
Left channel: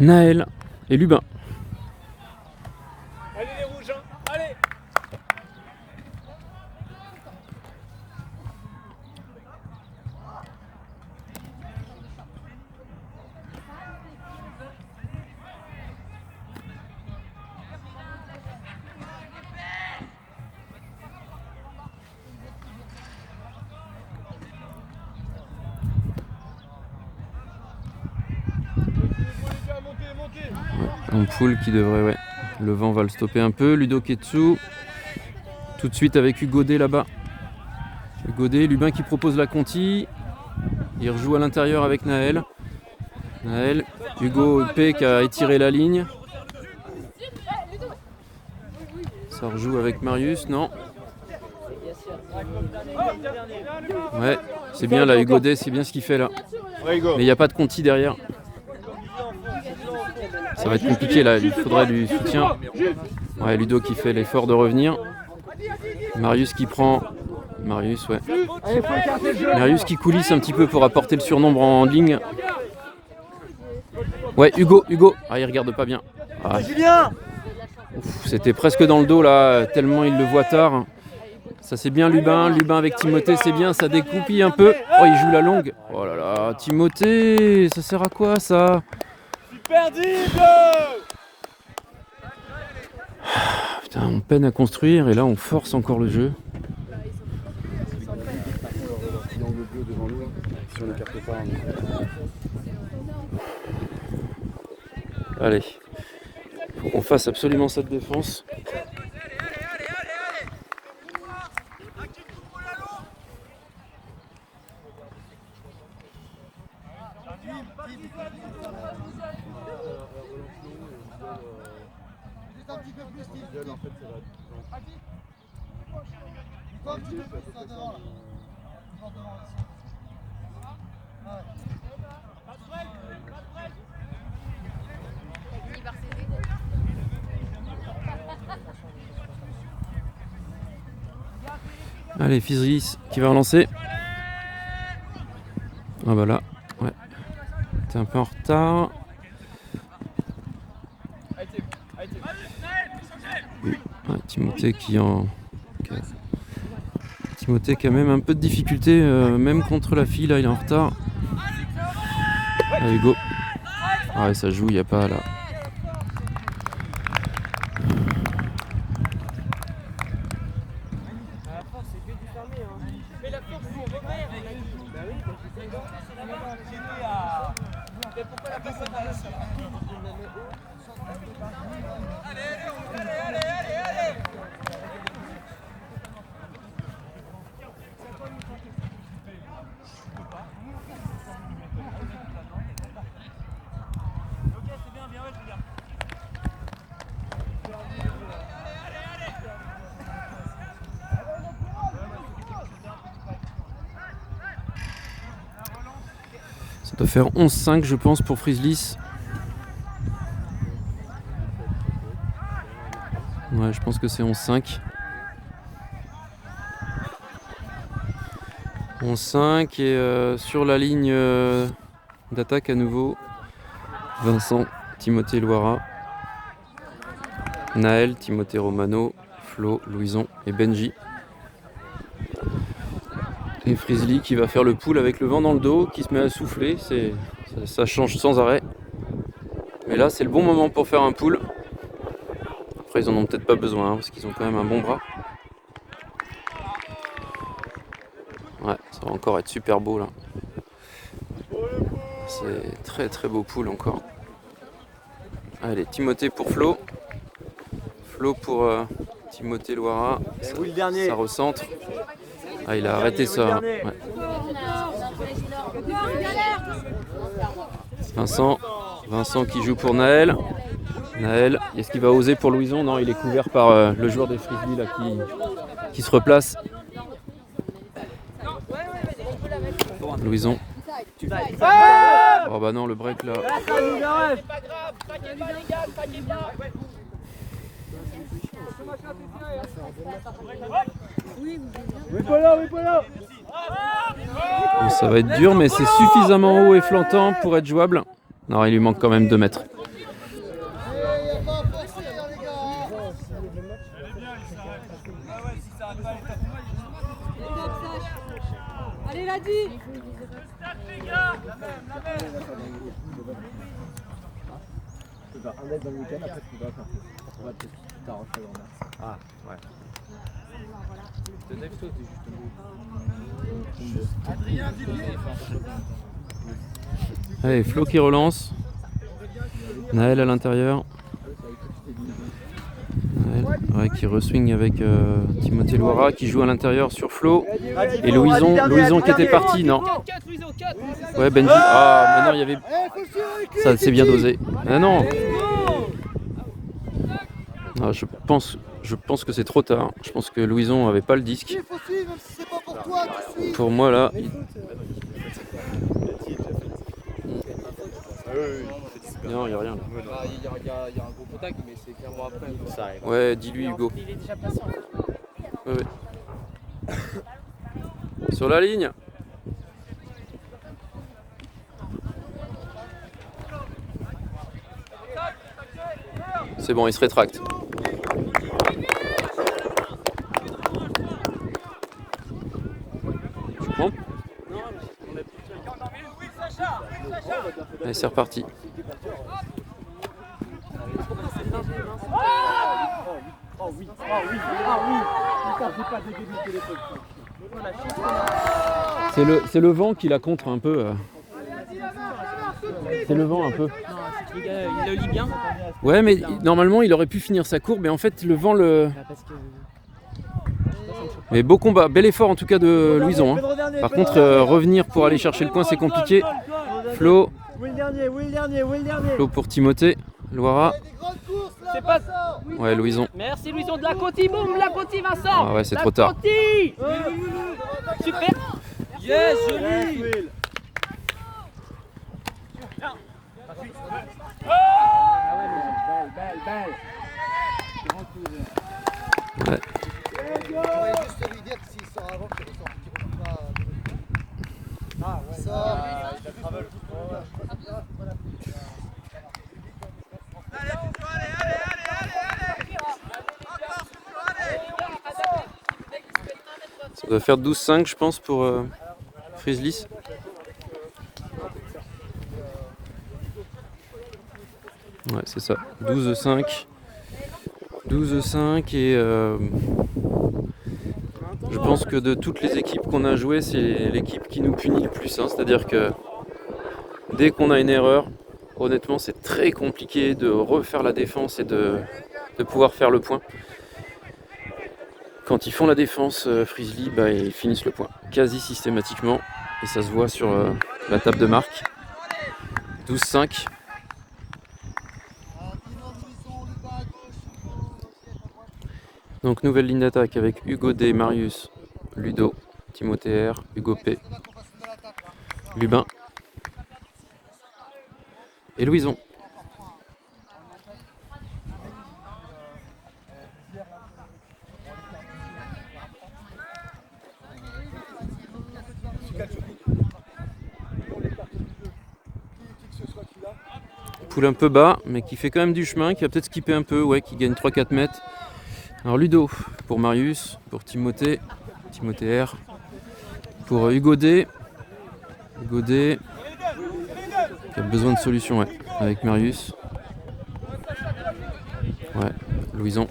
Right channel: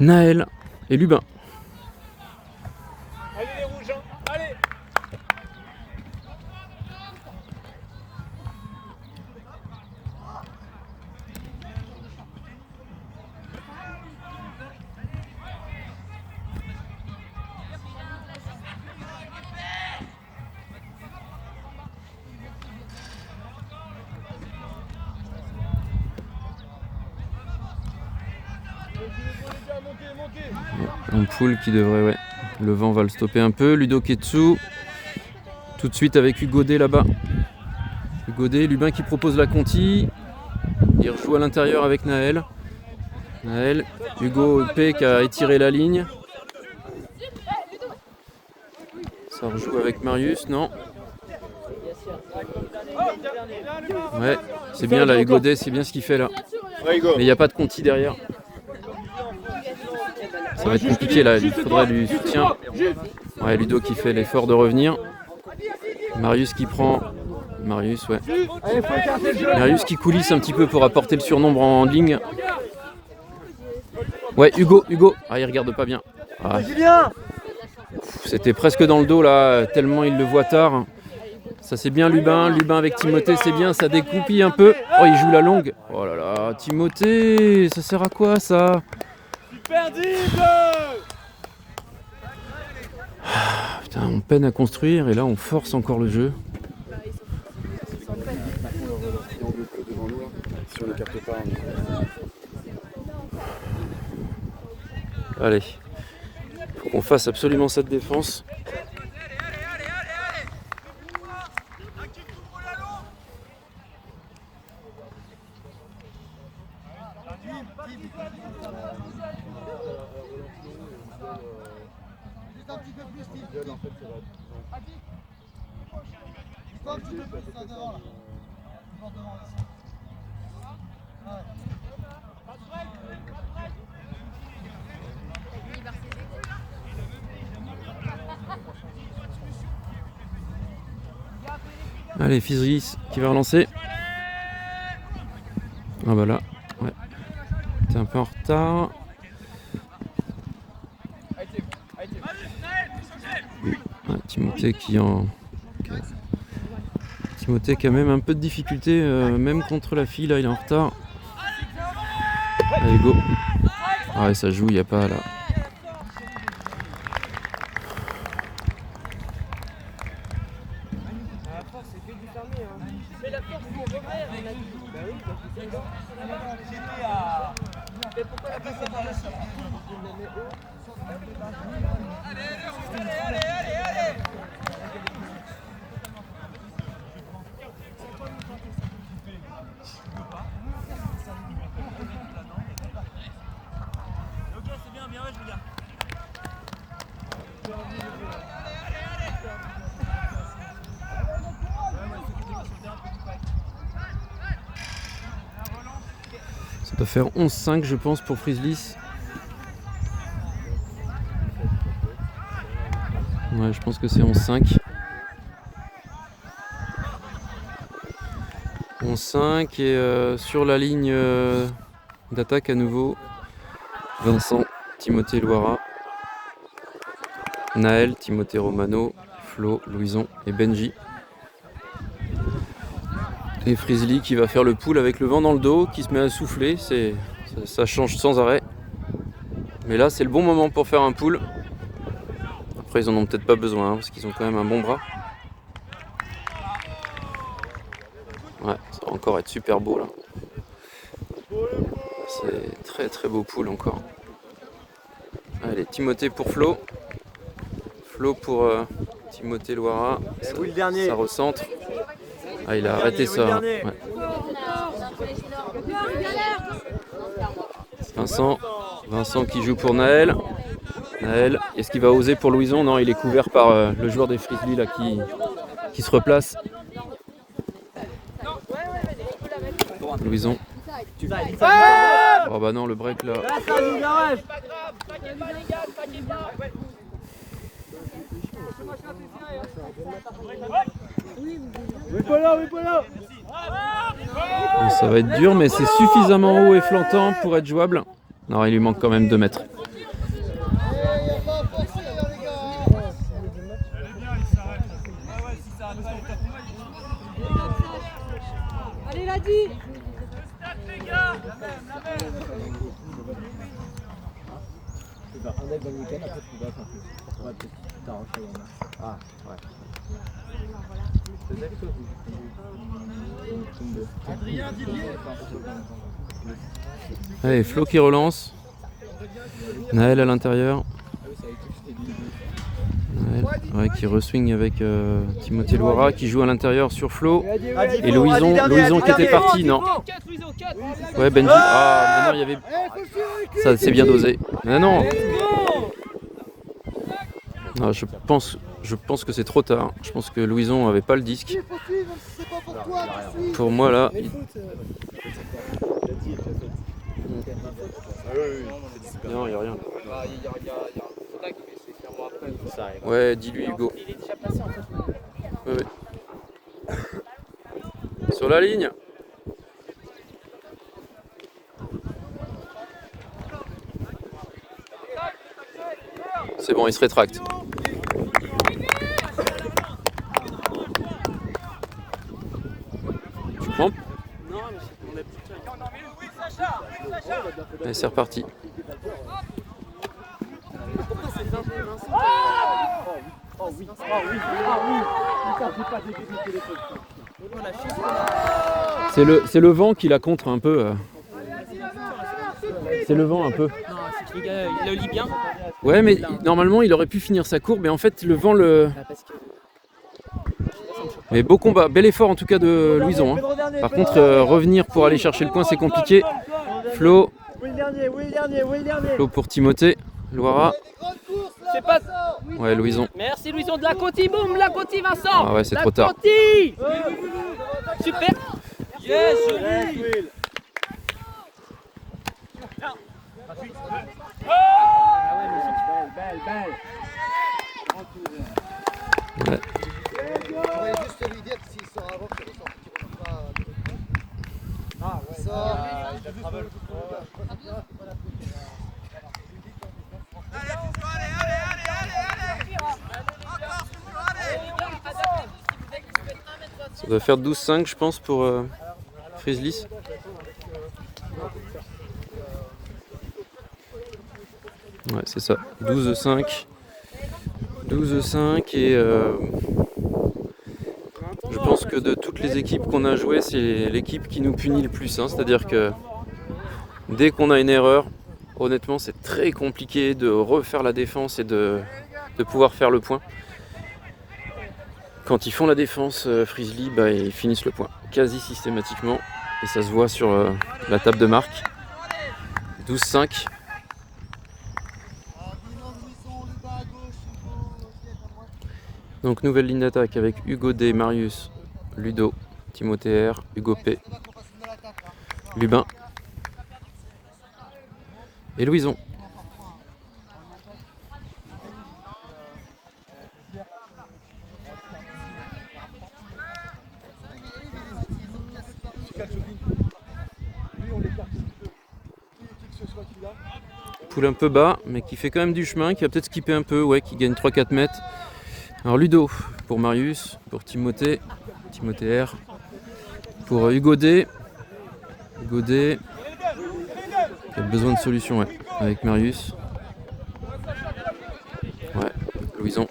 Naël et Lubin. Allez les rouges, hein. Allez. Ampoule qui devrait, ouais. Le vent va le stopper un peu. Ludo Ketsu. Tout de suite avec Hugo D là-bas. Hugo D, Lubin qui propose la conti. Il rejoue à l'intérieur avec Naël. Naël, Hugo P qui a étiré la ligne. Ça rejoue avec Marius, non? Ouais, c'est bien là, Hugo D, c'est bien ce qu'il fait là. Mais il n'y a pas de conti derrière. Ça va être compliqué là, il faudrait du soutien. Ouais, Ludo qui fait l'effort de revenir. Marius qui prend... Marius, ouais. Marius qui coulisse un petit peu pour apporter le surnombre en ligne. Ouais, Hugo. Ah, il regarde pas bien. Ah. C'était presque dans le dos là, tellement il le voit tard. Ça c'est bien Lubin avec Timothée, c'est bien, ça découpille un peu. Oh, il joue la longue. Oh là là, Timothée, ça sert à quoi ça? Putain, on peine à construire et là on force encore le jeu. Allez, faut qu'on fasse absolument cette défense. Allez, Fizris qui va relancer. Ah bah là, ouais. T'es un peu en retard. Ouais, Timothée qui a même un peu de difficulté, même contre la fille, là il est en retard. Allez, go. Ah ouais, ça joue, il n'y a pas là. Ça doit faire 11-5 je pense pour Frislis. Ouais, je pense que c'est 11-5. 11-5 et sur la ligne d'attaque à nouveau, Vincent, Timothée Loira, Naël, Timothée Romano, Flo, Louison et Benji. Et Frisli qui va faire le pull avec le vent dans le dos, qui se met à souffler, ça change sans arrêt. Mais là c'est le bon moment pour faire un pull. Après ils en ont peut-être pas besoin hein, parce qu'ils ont quand même un bon bras. Ouais, ça va encore être super beau là. C'est très très beau pull encore. Allez, Timothée pour Flo. Flo pour Timothée Loira. Ça recentre. Ah, il a arrêté ça. Ouais. Vincent qui joue pour Naël. Naël, est-ce qu'il va oser pour Louison? Non, il est couvert par le joueur des Frislis là qui se replace. Louison. Oh bah non, le break là. Bon, ça va être dur, mais c'est suffisamment haut et flantant pour être jouable. Non, il lui manque quand même 2 mètres. Allez, l'a dit. Un mec dans le week-end, après tu vas faire plus. Ouais, peut-être que tu t'arraches la grand-mère. Ah, ouais. Allez, Flo qui relance. Naël à l'intérieur. Naël, ouais, qui reswing avec Timothée Loira qui joue à l'intérieur sur Flo. Et Louison qui était parti, non. Ouais, Benji. Ah, mais non, il y avait. Ça, c'est bien dosé. Mais non. Non, je pense que c'est trop tard. Je pense que Louison avait pas le disque. Pour moi là. Non, il n'y a rien. Il y a un gros contact, mais c'est clairement après. Ouais, dis-lui Hugo. Il est déjà passé en fait. Ouais. Sur la ligne. C'est bon, il se rétracte. Bon. Allez, c'est reparti. Oh oui, oh oui, ah oui. Putain, j'ai pas dégueulé le téléphone. C'est le vent qui la contre un peu. C'est le vent un peu. Non, c'est que le gars, il le lit bien. Ouais, mais normalement il aurait pu finir sa courbe, mais en fait le vent le. Parce que... Mais beau combat, bel effort en tout cas de Louison. Hein. Par contre, revenir pour aller chercher le point, c'est compliqué. Flo. Flo pour Timothée. Loira. C'est pas... Ouais, Louison. Merci Louison de la Conti, boum, la Conti Vincent. Ah ouais, c'est trop tard. Conti. Super. Yes, joli. Ouais. J'aurais juste lui dire que s'il sort avant, qu'il ressort. Qu'il ressort pas. Ah, ouais. Ça doit faire 12-5 je pense pour Frieslis. Ouais, c'est ça. 12-5. 12-5 et je pense que de toutes les équipes qu'on a jouées, c'est l'équipe qui nous punit le plus. Hein. C'est-à-dire que dès qu'on a une erreur, honnêtement, c'est très compliqué de refaire la défense et de pouvoir faire le point. Quand ils font la défense, Friesli, bah, ils finissent le point quasi systématiquement. Et ça se voit sur la table de marque. 12-5. Donc nouvelle ligne d'attaque avec Hugo D, Marius, Ludo, Timothée R, Hugo P, Lubin et Louison. Poule un peu bas, mais qui fait quand même du chemin, qui va peut-être skipper un peu, ouais, qui gagne 3-4 mètres. Alors Ludo pour Marius, pour Timothée, Timothée R, pour Hugo D, qui a besoin de solution, ouais, avec Marius. Ouais, Louison,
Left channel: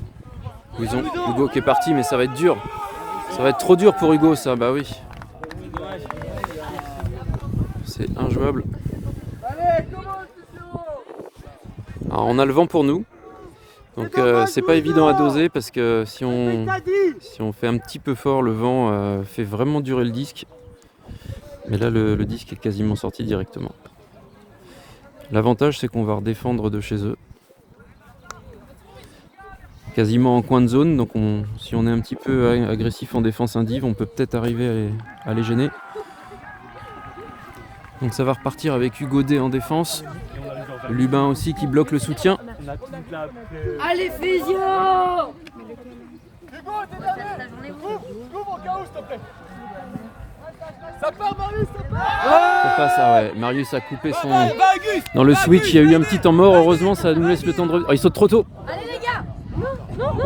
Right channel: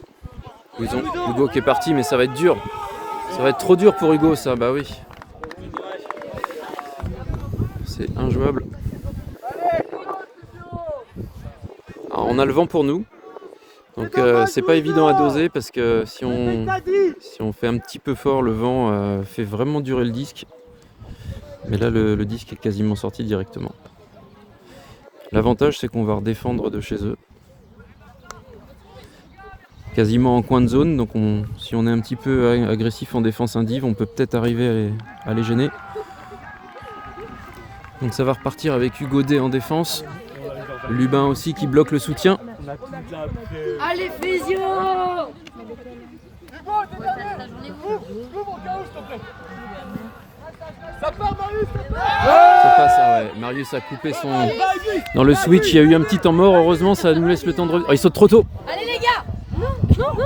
Hugo qui est parti, mais ça va être dur. Ça va être trop dur pour Hugo, ça, bah oui. C'est injouable. Alors on a le vent pour nous. Donc c'est pas évident à doser parce que si on fait un petit peu fort, le vent fait vraiment durer le disque. Mais là le disque est quasiment sorti directement. L'avantage c'est qu'on va redéfendre de chez eux. Quasiment en coin de zone, donc si on est un petit peu agressif en défense indive, on peut peut-être arriver à les gêner. Donc ça va repartir avec Hugo D en défense. Lubin aussi qui bloque le soutien. Allez, physio! Ça passe, ah ouais. Marius a coupé son... Dans le switch, il y a eu un petit temps mort. Heureusement, ça nous laisse le temps de... Oh, il saute trop tôt. Allez les gars!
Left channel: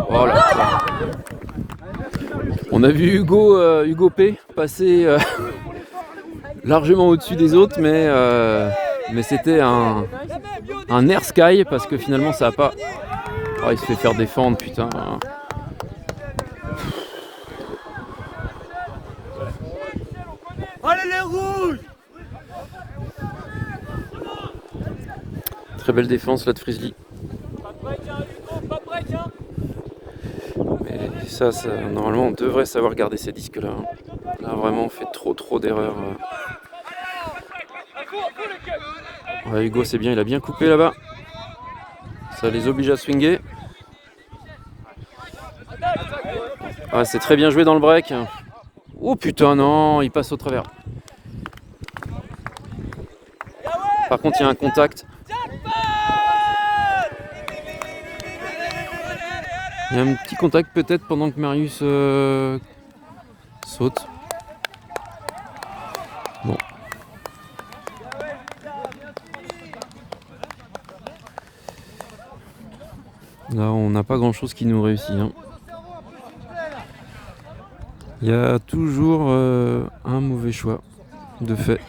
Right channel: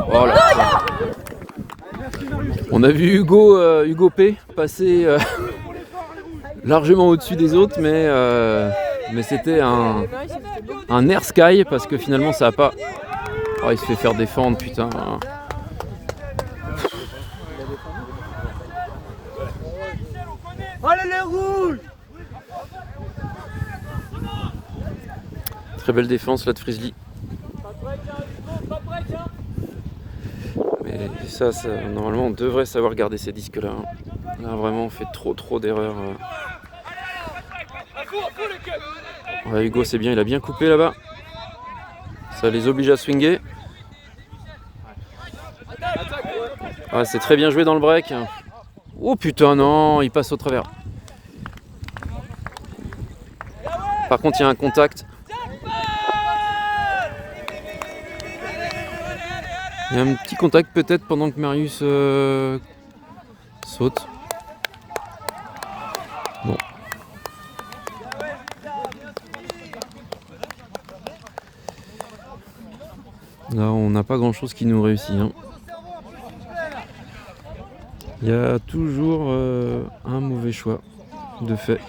Oh là. On a vu Hugo P passer largement au-dessus des autres, mais c'était un air sky parce que finalement ça a pas... Oh, il se fait faire défendre, putain. Allez les rouges! Très belle défense là de Friesli. Mais ça, normalement on devrait savoir garder ces disques là. Là vraiment on fait trop d'erreurs. Ouais, Hugo c'est bien, il a bien coupé là-bas. Ça les oblige à swinger. Ouais, c'est très bien joué dans le break. Oh putain non, il passe au travers. Par contre il y a un contact. Il y a un petit contact peut-être pendant que Marius saute. Bon. Là on n'a pas grand chose qui nous réussit. Hein. Il y a toujours un mauvais choix de fait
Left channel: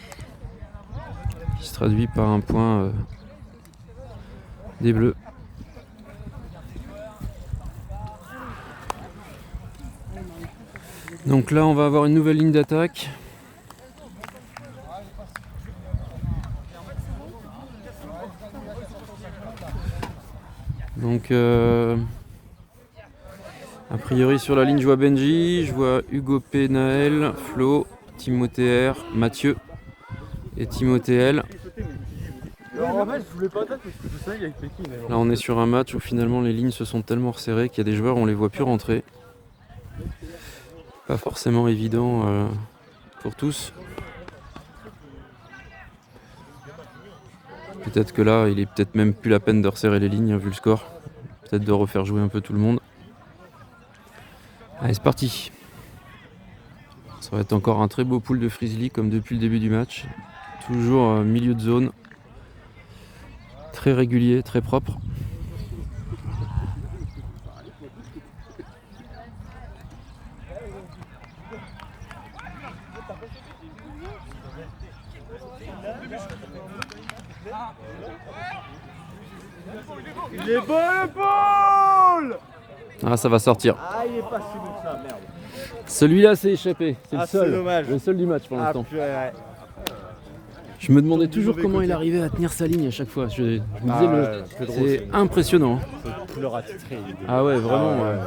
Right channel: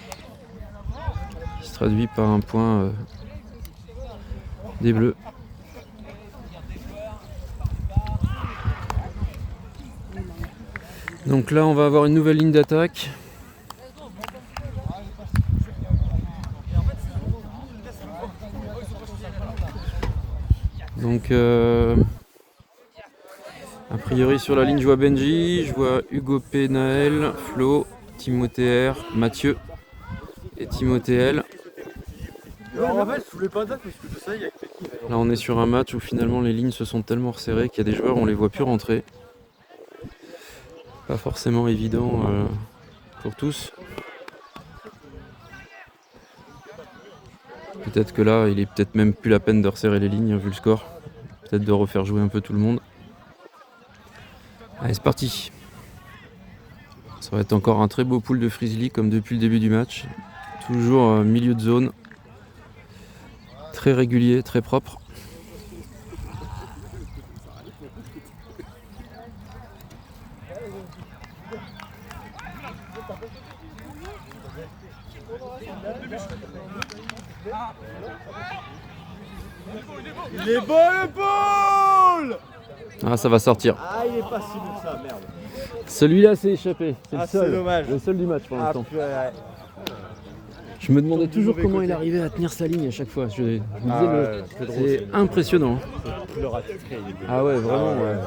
qui se traduit par un point des Bleus. Donc là on va avoir une nouvelle ligne d'attaque. Donc a priori sur la ligne je vois Benji, je vois Hugo P, Naël, Flo, Timothée R, Mathieu et Timothée L. En fait, je voulais pas dire parce que je sais, il y a que qui. Là on est sur un match où finalement les lignes se sont tellement resserrées qu'il y a des joueurs où on les voit plus rentrer. Pas forcément évident pour tous. Peut-être que là il est peut-être même plus la peine de resserrer les lignes vu le score. Peut-être de refaire jouer un peu tout le monde. Allez c'est parti. Ça va être encore un très beau pool de Frizzly comme depuis le début du match. Toujours milieu de zone. Très régulier, très propre. Il est bon le ball! Ah ça va sortir. Ah, il est pas si bon que ça, merde. Celui-là s'est échappé. C'est Ah, le seul. c'est dommage. Le seul du match pour l'instant. Ouais. Je me demandais toujours comment il arrivait à tenir sa ligne à chaque fois. Je me disais, c'est impressionnant. Le ratifié, il est Ah ouais, vraiment. Ouais.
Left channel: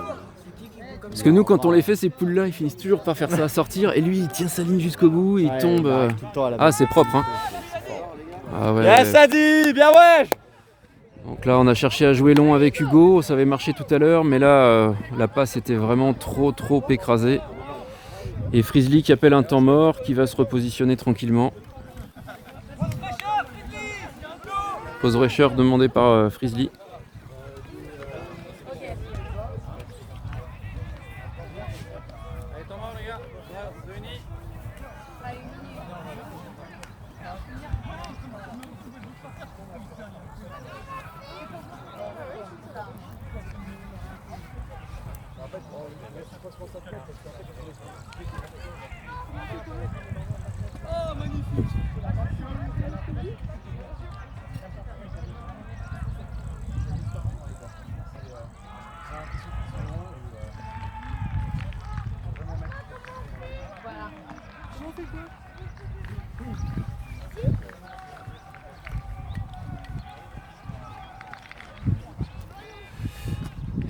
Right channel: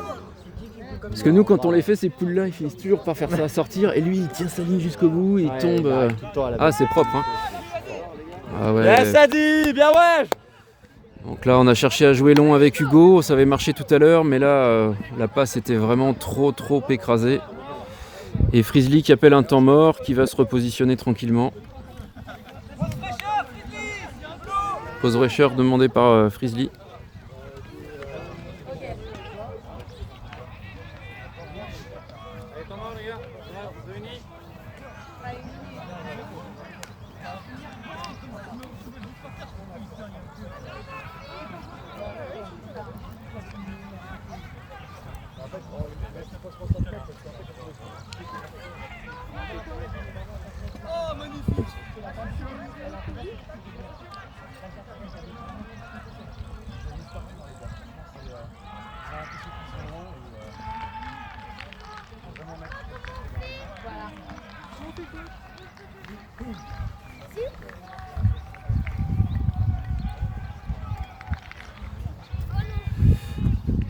Parce que nous, quand on les fait, ces poules-là, ils finissent toujours par faire ça sortir. Et lui, il tient sa ligne jusqu'au bout, il tombe. Ah, c'est propre. Hein. Ah ouais. Bien Sadi, bien ouais. Donc là, on a cherché à jouer long avec Hugo. Ça avait marché tout à l'heure, mais là, la passe était vraiment trop écrasée. Et Frizzly qui appelle un temps mort, qui va se repositionner tranquillement. Pause fraîcheur demandée par Frizzly.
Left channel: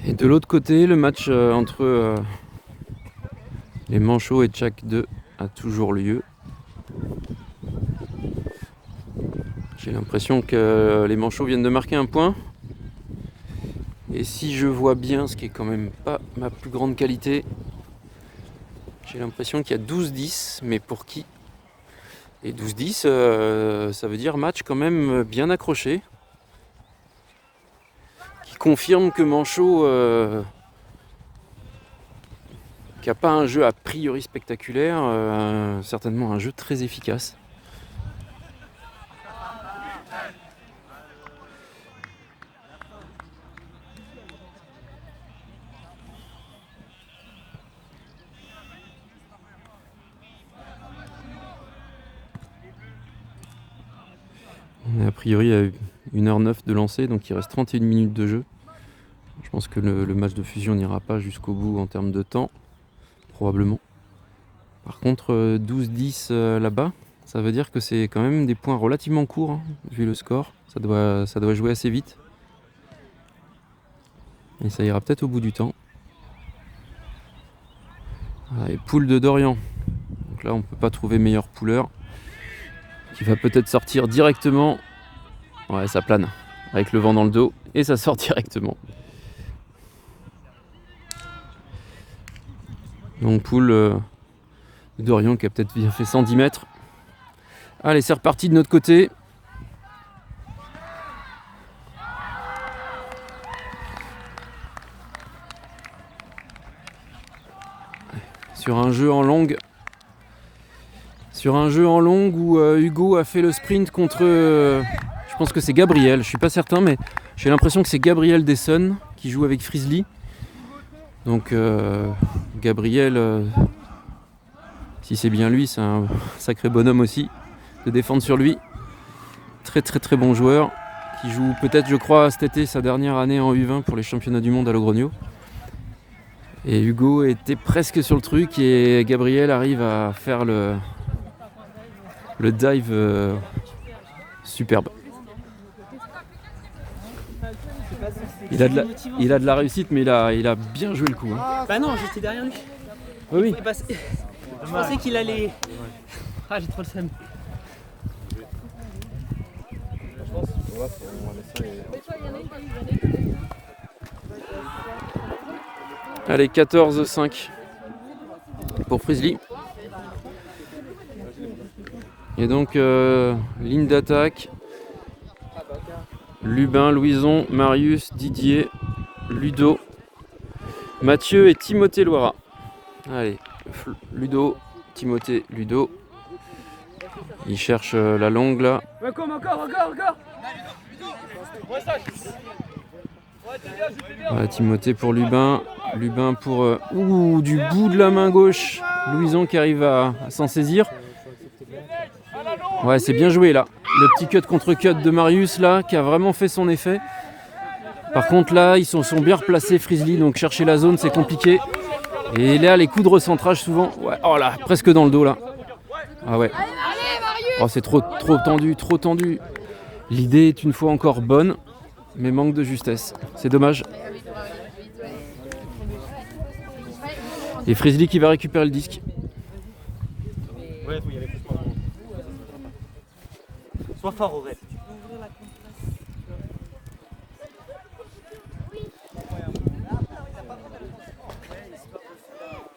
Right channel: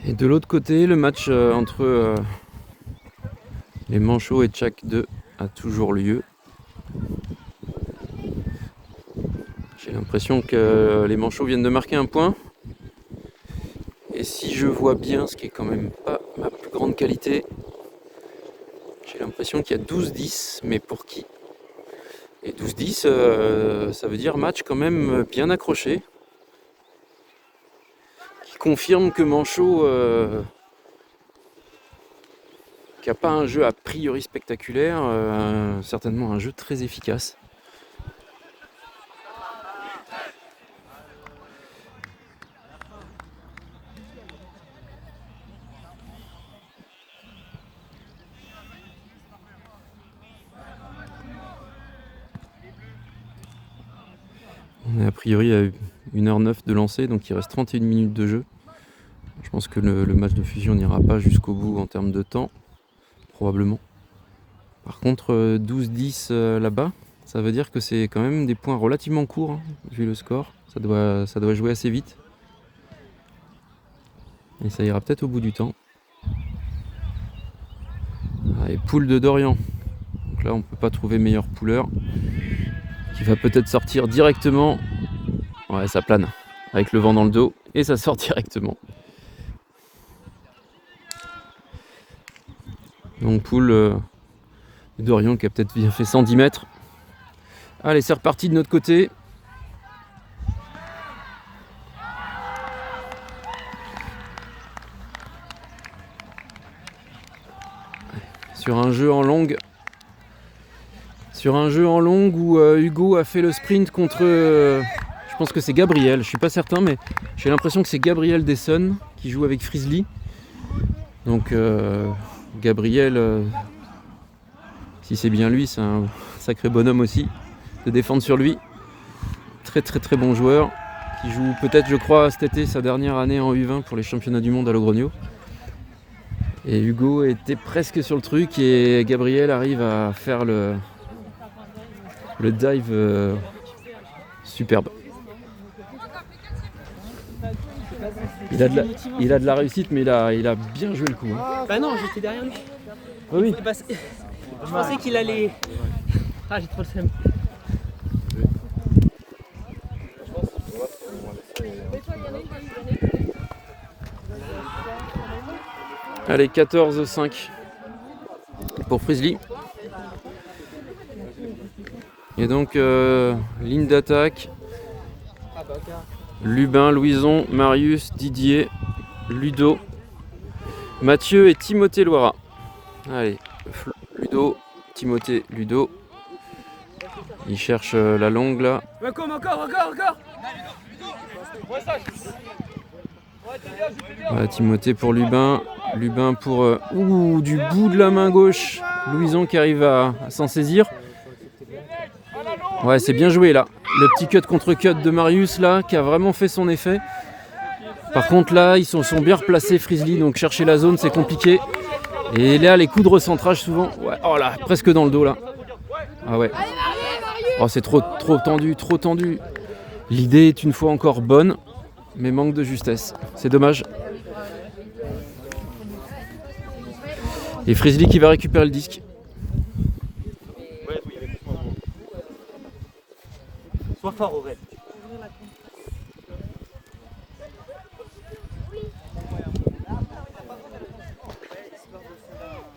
Et de l'autre côté, le match entre les Manchots et Tchak 2 a toujours lieu. J'ai l'impression que les Manchots viennent de marquer un point. Et si je vois bien, ce qui est quand même pas ma plus grande qualité, j'ai l'impression qu'il y a 12-10, mais pour qui? Et 12-10, ça veut dire match quand même bien accroché. Qui confirme que Manchot, qui n'a pas un jeu a priori spectaculaire, certainement un jeu très efficace. On est a priori à 1h09 de lancer, donc il reste 31 minutes de jeu. Je pense que le match de fusion n'ira pas jusqu'au bout en termes de temps, probablement. Par contre, 12-10 là-bas, ça veut dire que c'est quand même des points relativement courts, hein, vu le score. Ça doit jouer assez vite. Et ça ira peut-être au bout du temps. Allez, poule de Dorian. Donc là, on ne peut pas trouver meilleur pouleur. Qui va peut-être sortir directement. Ouais, ça plane avec le vent dans le dos et ça sort directement. Donc poule de Dorian qui a peut-être bien fait 110 mètres. Allez, c'est reparti de notre côté. Sur un jeu en longue. Sur un jeu en longue où Hugo a fait le sprint contre, je pense que c'est Gabriel, je suis pas certain, mais j'ai l'impression que c'est Gabriel Desson qui joue avec Frizzly. Donc Gabriel, si c'est bien lui, c'est un sacré bonhomme aussi de défendre sur lui. Très bon joueur qui joue peut-être, je crois, cet été sa dernière année en U20 pour les championnats du monde à Logrogno. Et Hugo était presque sur le truc et Gabriel arrive à faire le dive superbe. Il a de la réussite, mais il a bien joué le coup. Hein. Bah non, j'étais derrière lui. Oui. Je pensais qu'il allait. Ah, j'ai trop le seum. Allez, 14-5 pour Frizzly. Et donc, ligne d'attaque. Lubin, Louison, Marius, Didier, Ludo, Mathieu et Timothée Loira. Allez, Ludo, Timothée, Ludo. Il cherche la longue là. Encore. Voilà, Timothée pour Lubin. Lubin pour... du bout de la main gauche. Louison qui arrive à s'en saisir. Ouais, c'est bien joué là. Le petit cut contre cut de Marius là, qui a vraiment fait son effet. Par contre là, ils sont bien replacés Frizzly, donc chercher la zone c'est compliqué. Et là, les coups de recentrage souvent... Ouais, oh là, presque dans le dos là. Ah ouais. Oh, c'est trop tendu. L'idée est une fois encore bonne, mais manque de justesse. C'est dommage. Et Frizzly qui va récupérer le disque. Sois fort, Aurel.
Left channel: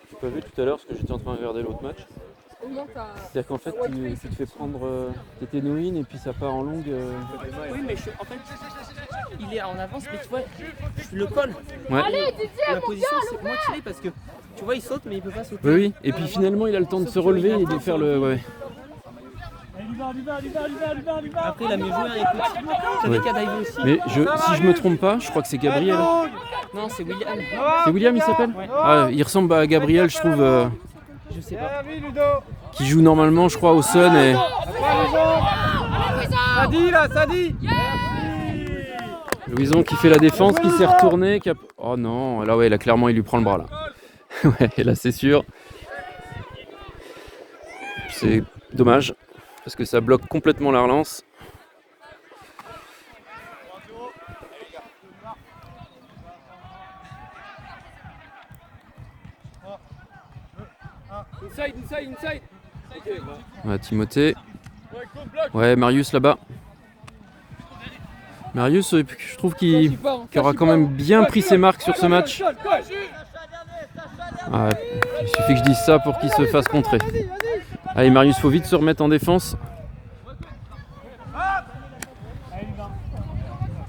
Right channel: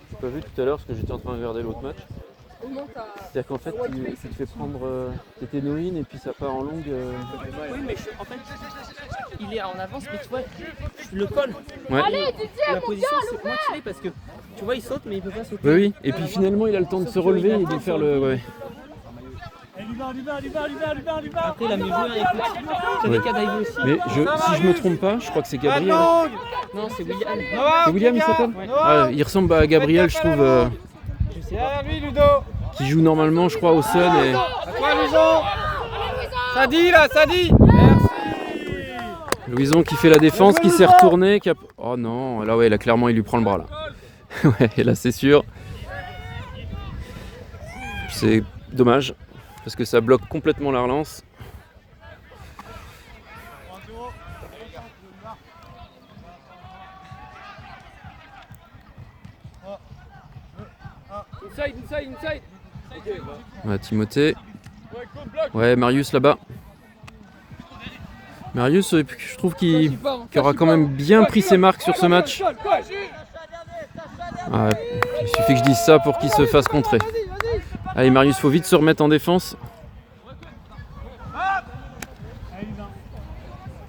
Tu n'as pas vu tout à l'heure parce que j'étais en train de regarder l'autre match. C'est-à-dire qu'en fait, tu te fais prendre tes ténoïnes et puis ça part en longue. Oui, mais en fait, il est en avance, mais tu vois, je le colle. Ouais. La position, c'est moi tiré parce que tu vois, il saute, mais il peut pas sauter. Oui. Et puis finalement, il a le temps de se relever et de faire le. Ouais. Après, il a mieux joué, écoute. C'est des cas d'Ivo aussi. Mais si je me trompe pas, je crois que c'est Gabriel. Non, c'est William. C'est William, il s'appelle ah, il ressemble à Gabriel, je trouve. Je sais pas. Qui joue normalement, je crois, au Sun. Et... Ça dit. Louison qui fait la défense, qui s'est retourné. Oh non, là ouais, là clairement il lui prend le bras là. Ouais, là c'est sûr. C'est dommage parce que ça bloque complètement la relance. Inside. Ouais, Timothée. Ouais, Marius là-bas. Marius, je trouve qu'il aura quand même bien pris ses marques sur ce match. Ah, il suffit que je dise ça pour qu'il se fasse contrer. Allez, Marius, faut vite se remettre en défense.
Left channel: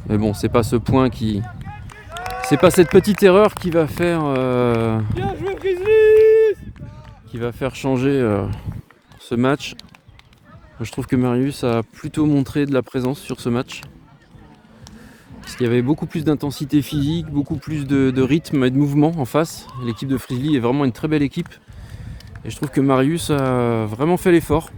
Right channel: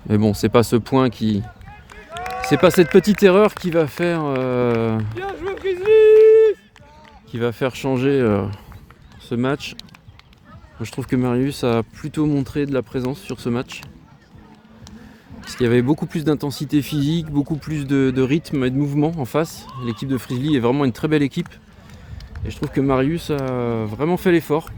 Mais bon, c'est pas ce point qui... C'est pas cette petite erreur qui va faire... qui va faire changer ce match. Moi, je trouve que Marius a plutôt montré de la présence sur ce match. Parce qu'il y avait beaucoup plus d'intensité physique, beaucoup plus de rythme et de mouvement en face. L'équipe de Frizzly est vraiment une très belle équipe. Et je trouve que Marius a vraiment fait l'effort.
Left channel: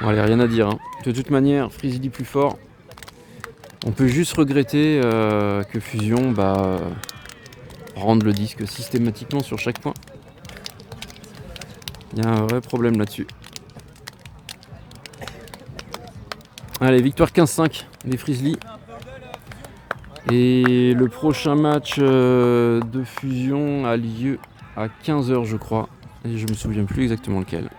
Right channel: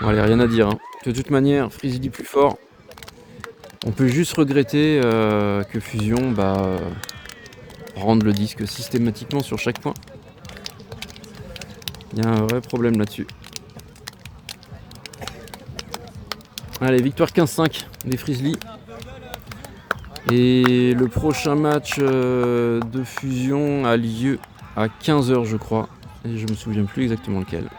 Bon, allez, rien à dire. Hein. De toute manière, Frizzly plus fort. On peut juste regretter que Fusion rende le disque systématiquement sur chaque point. Il y a un vrai problème là-dessus. Allez, victoire 15-5 des Frizzly. Et le prochain match de Fusion a lieu à 15h je crois. Et je me souviens plus exactement lequel.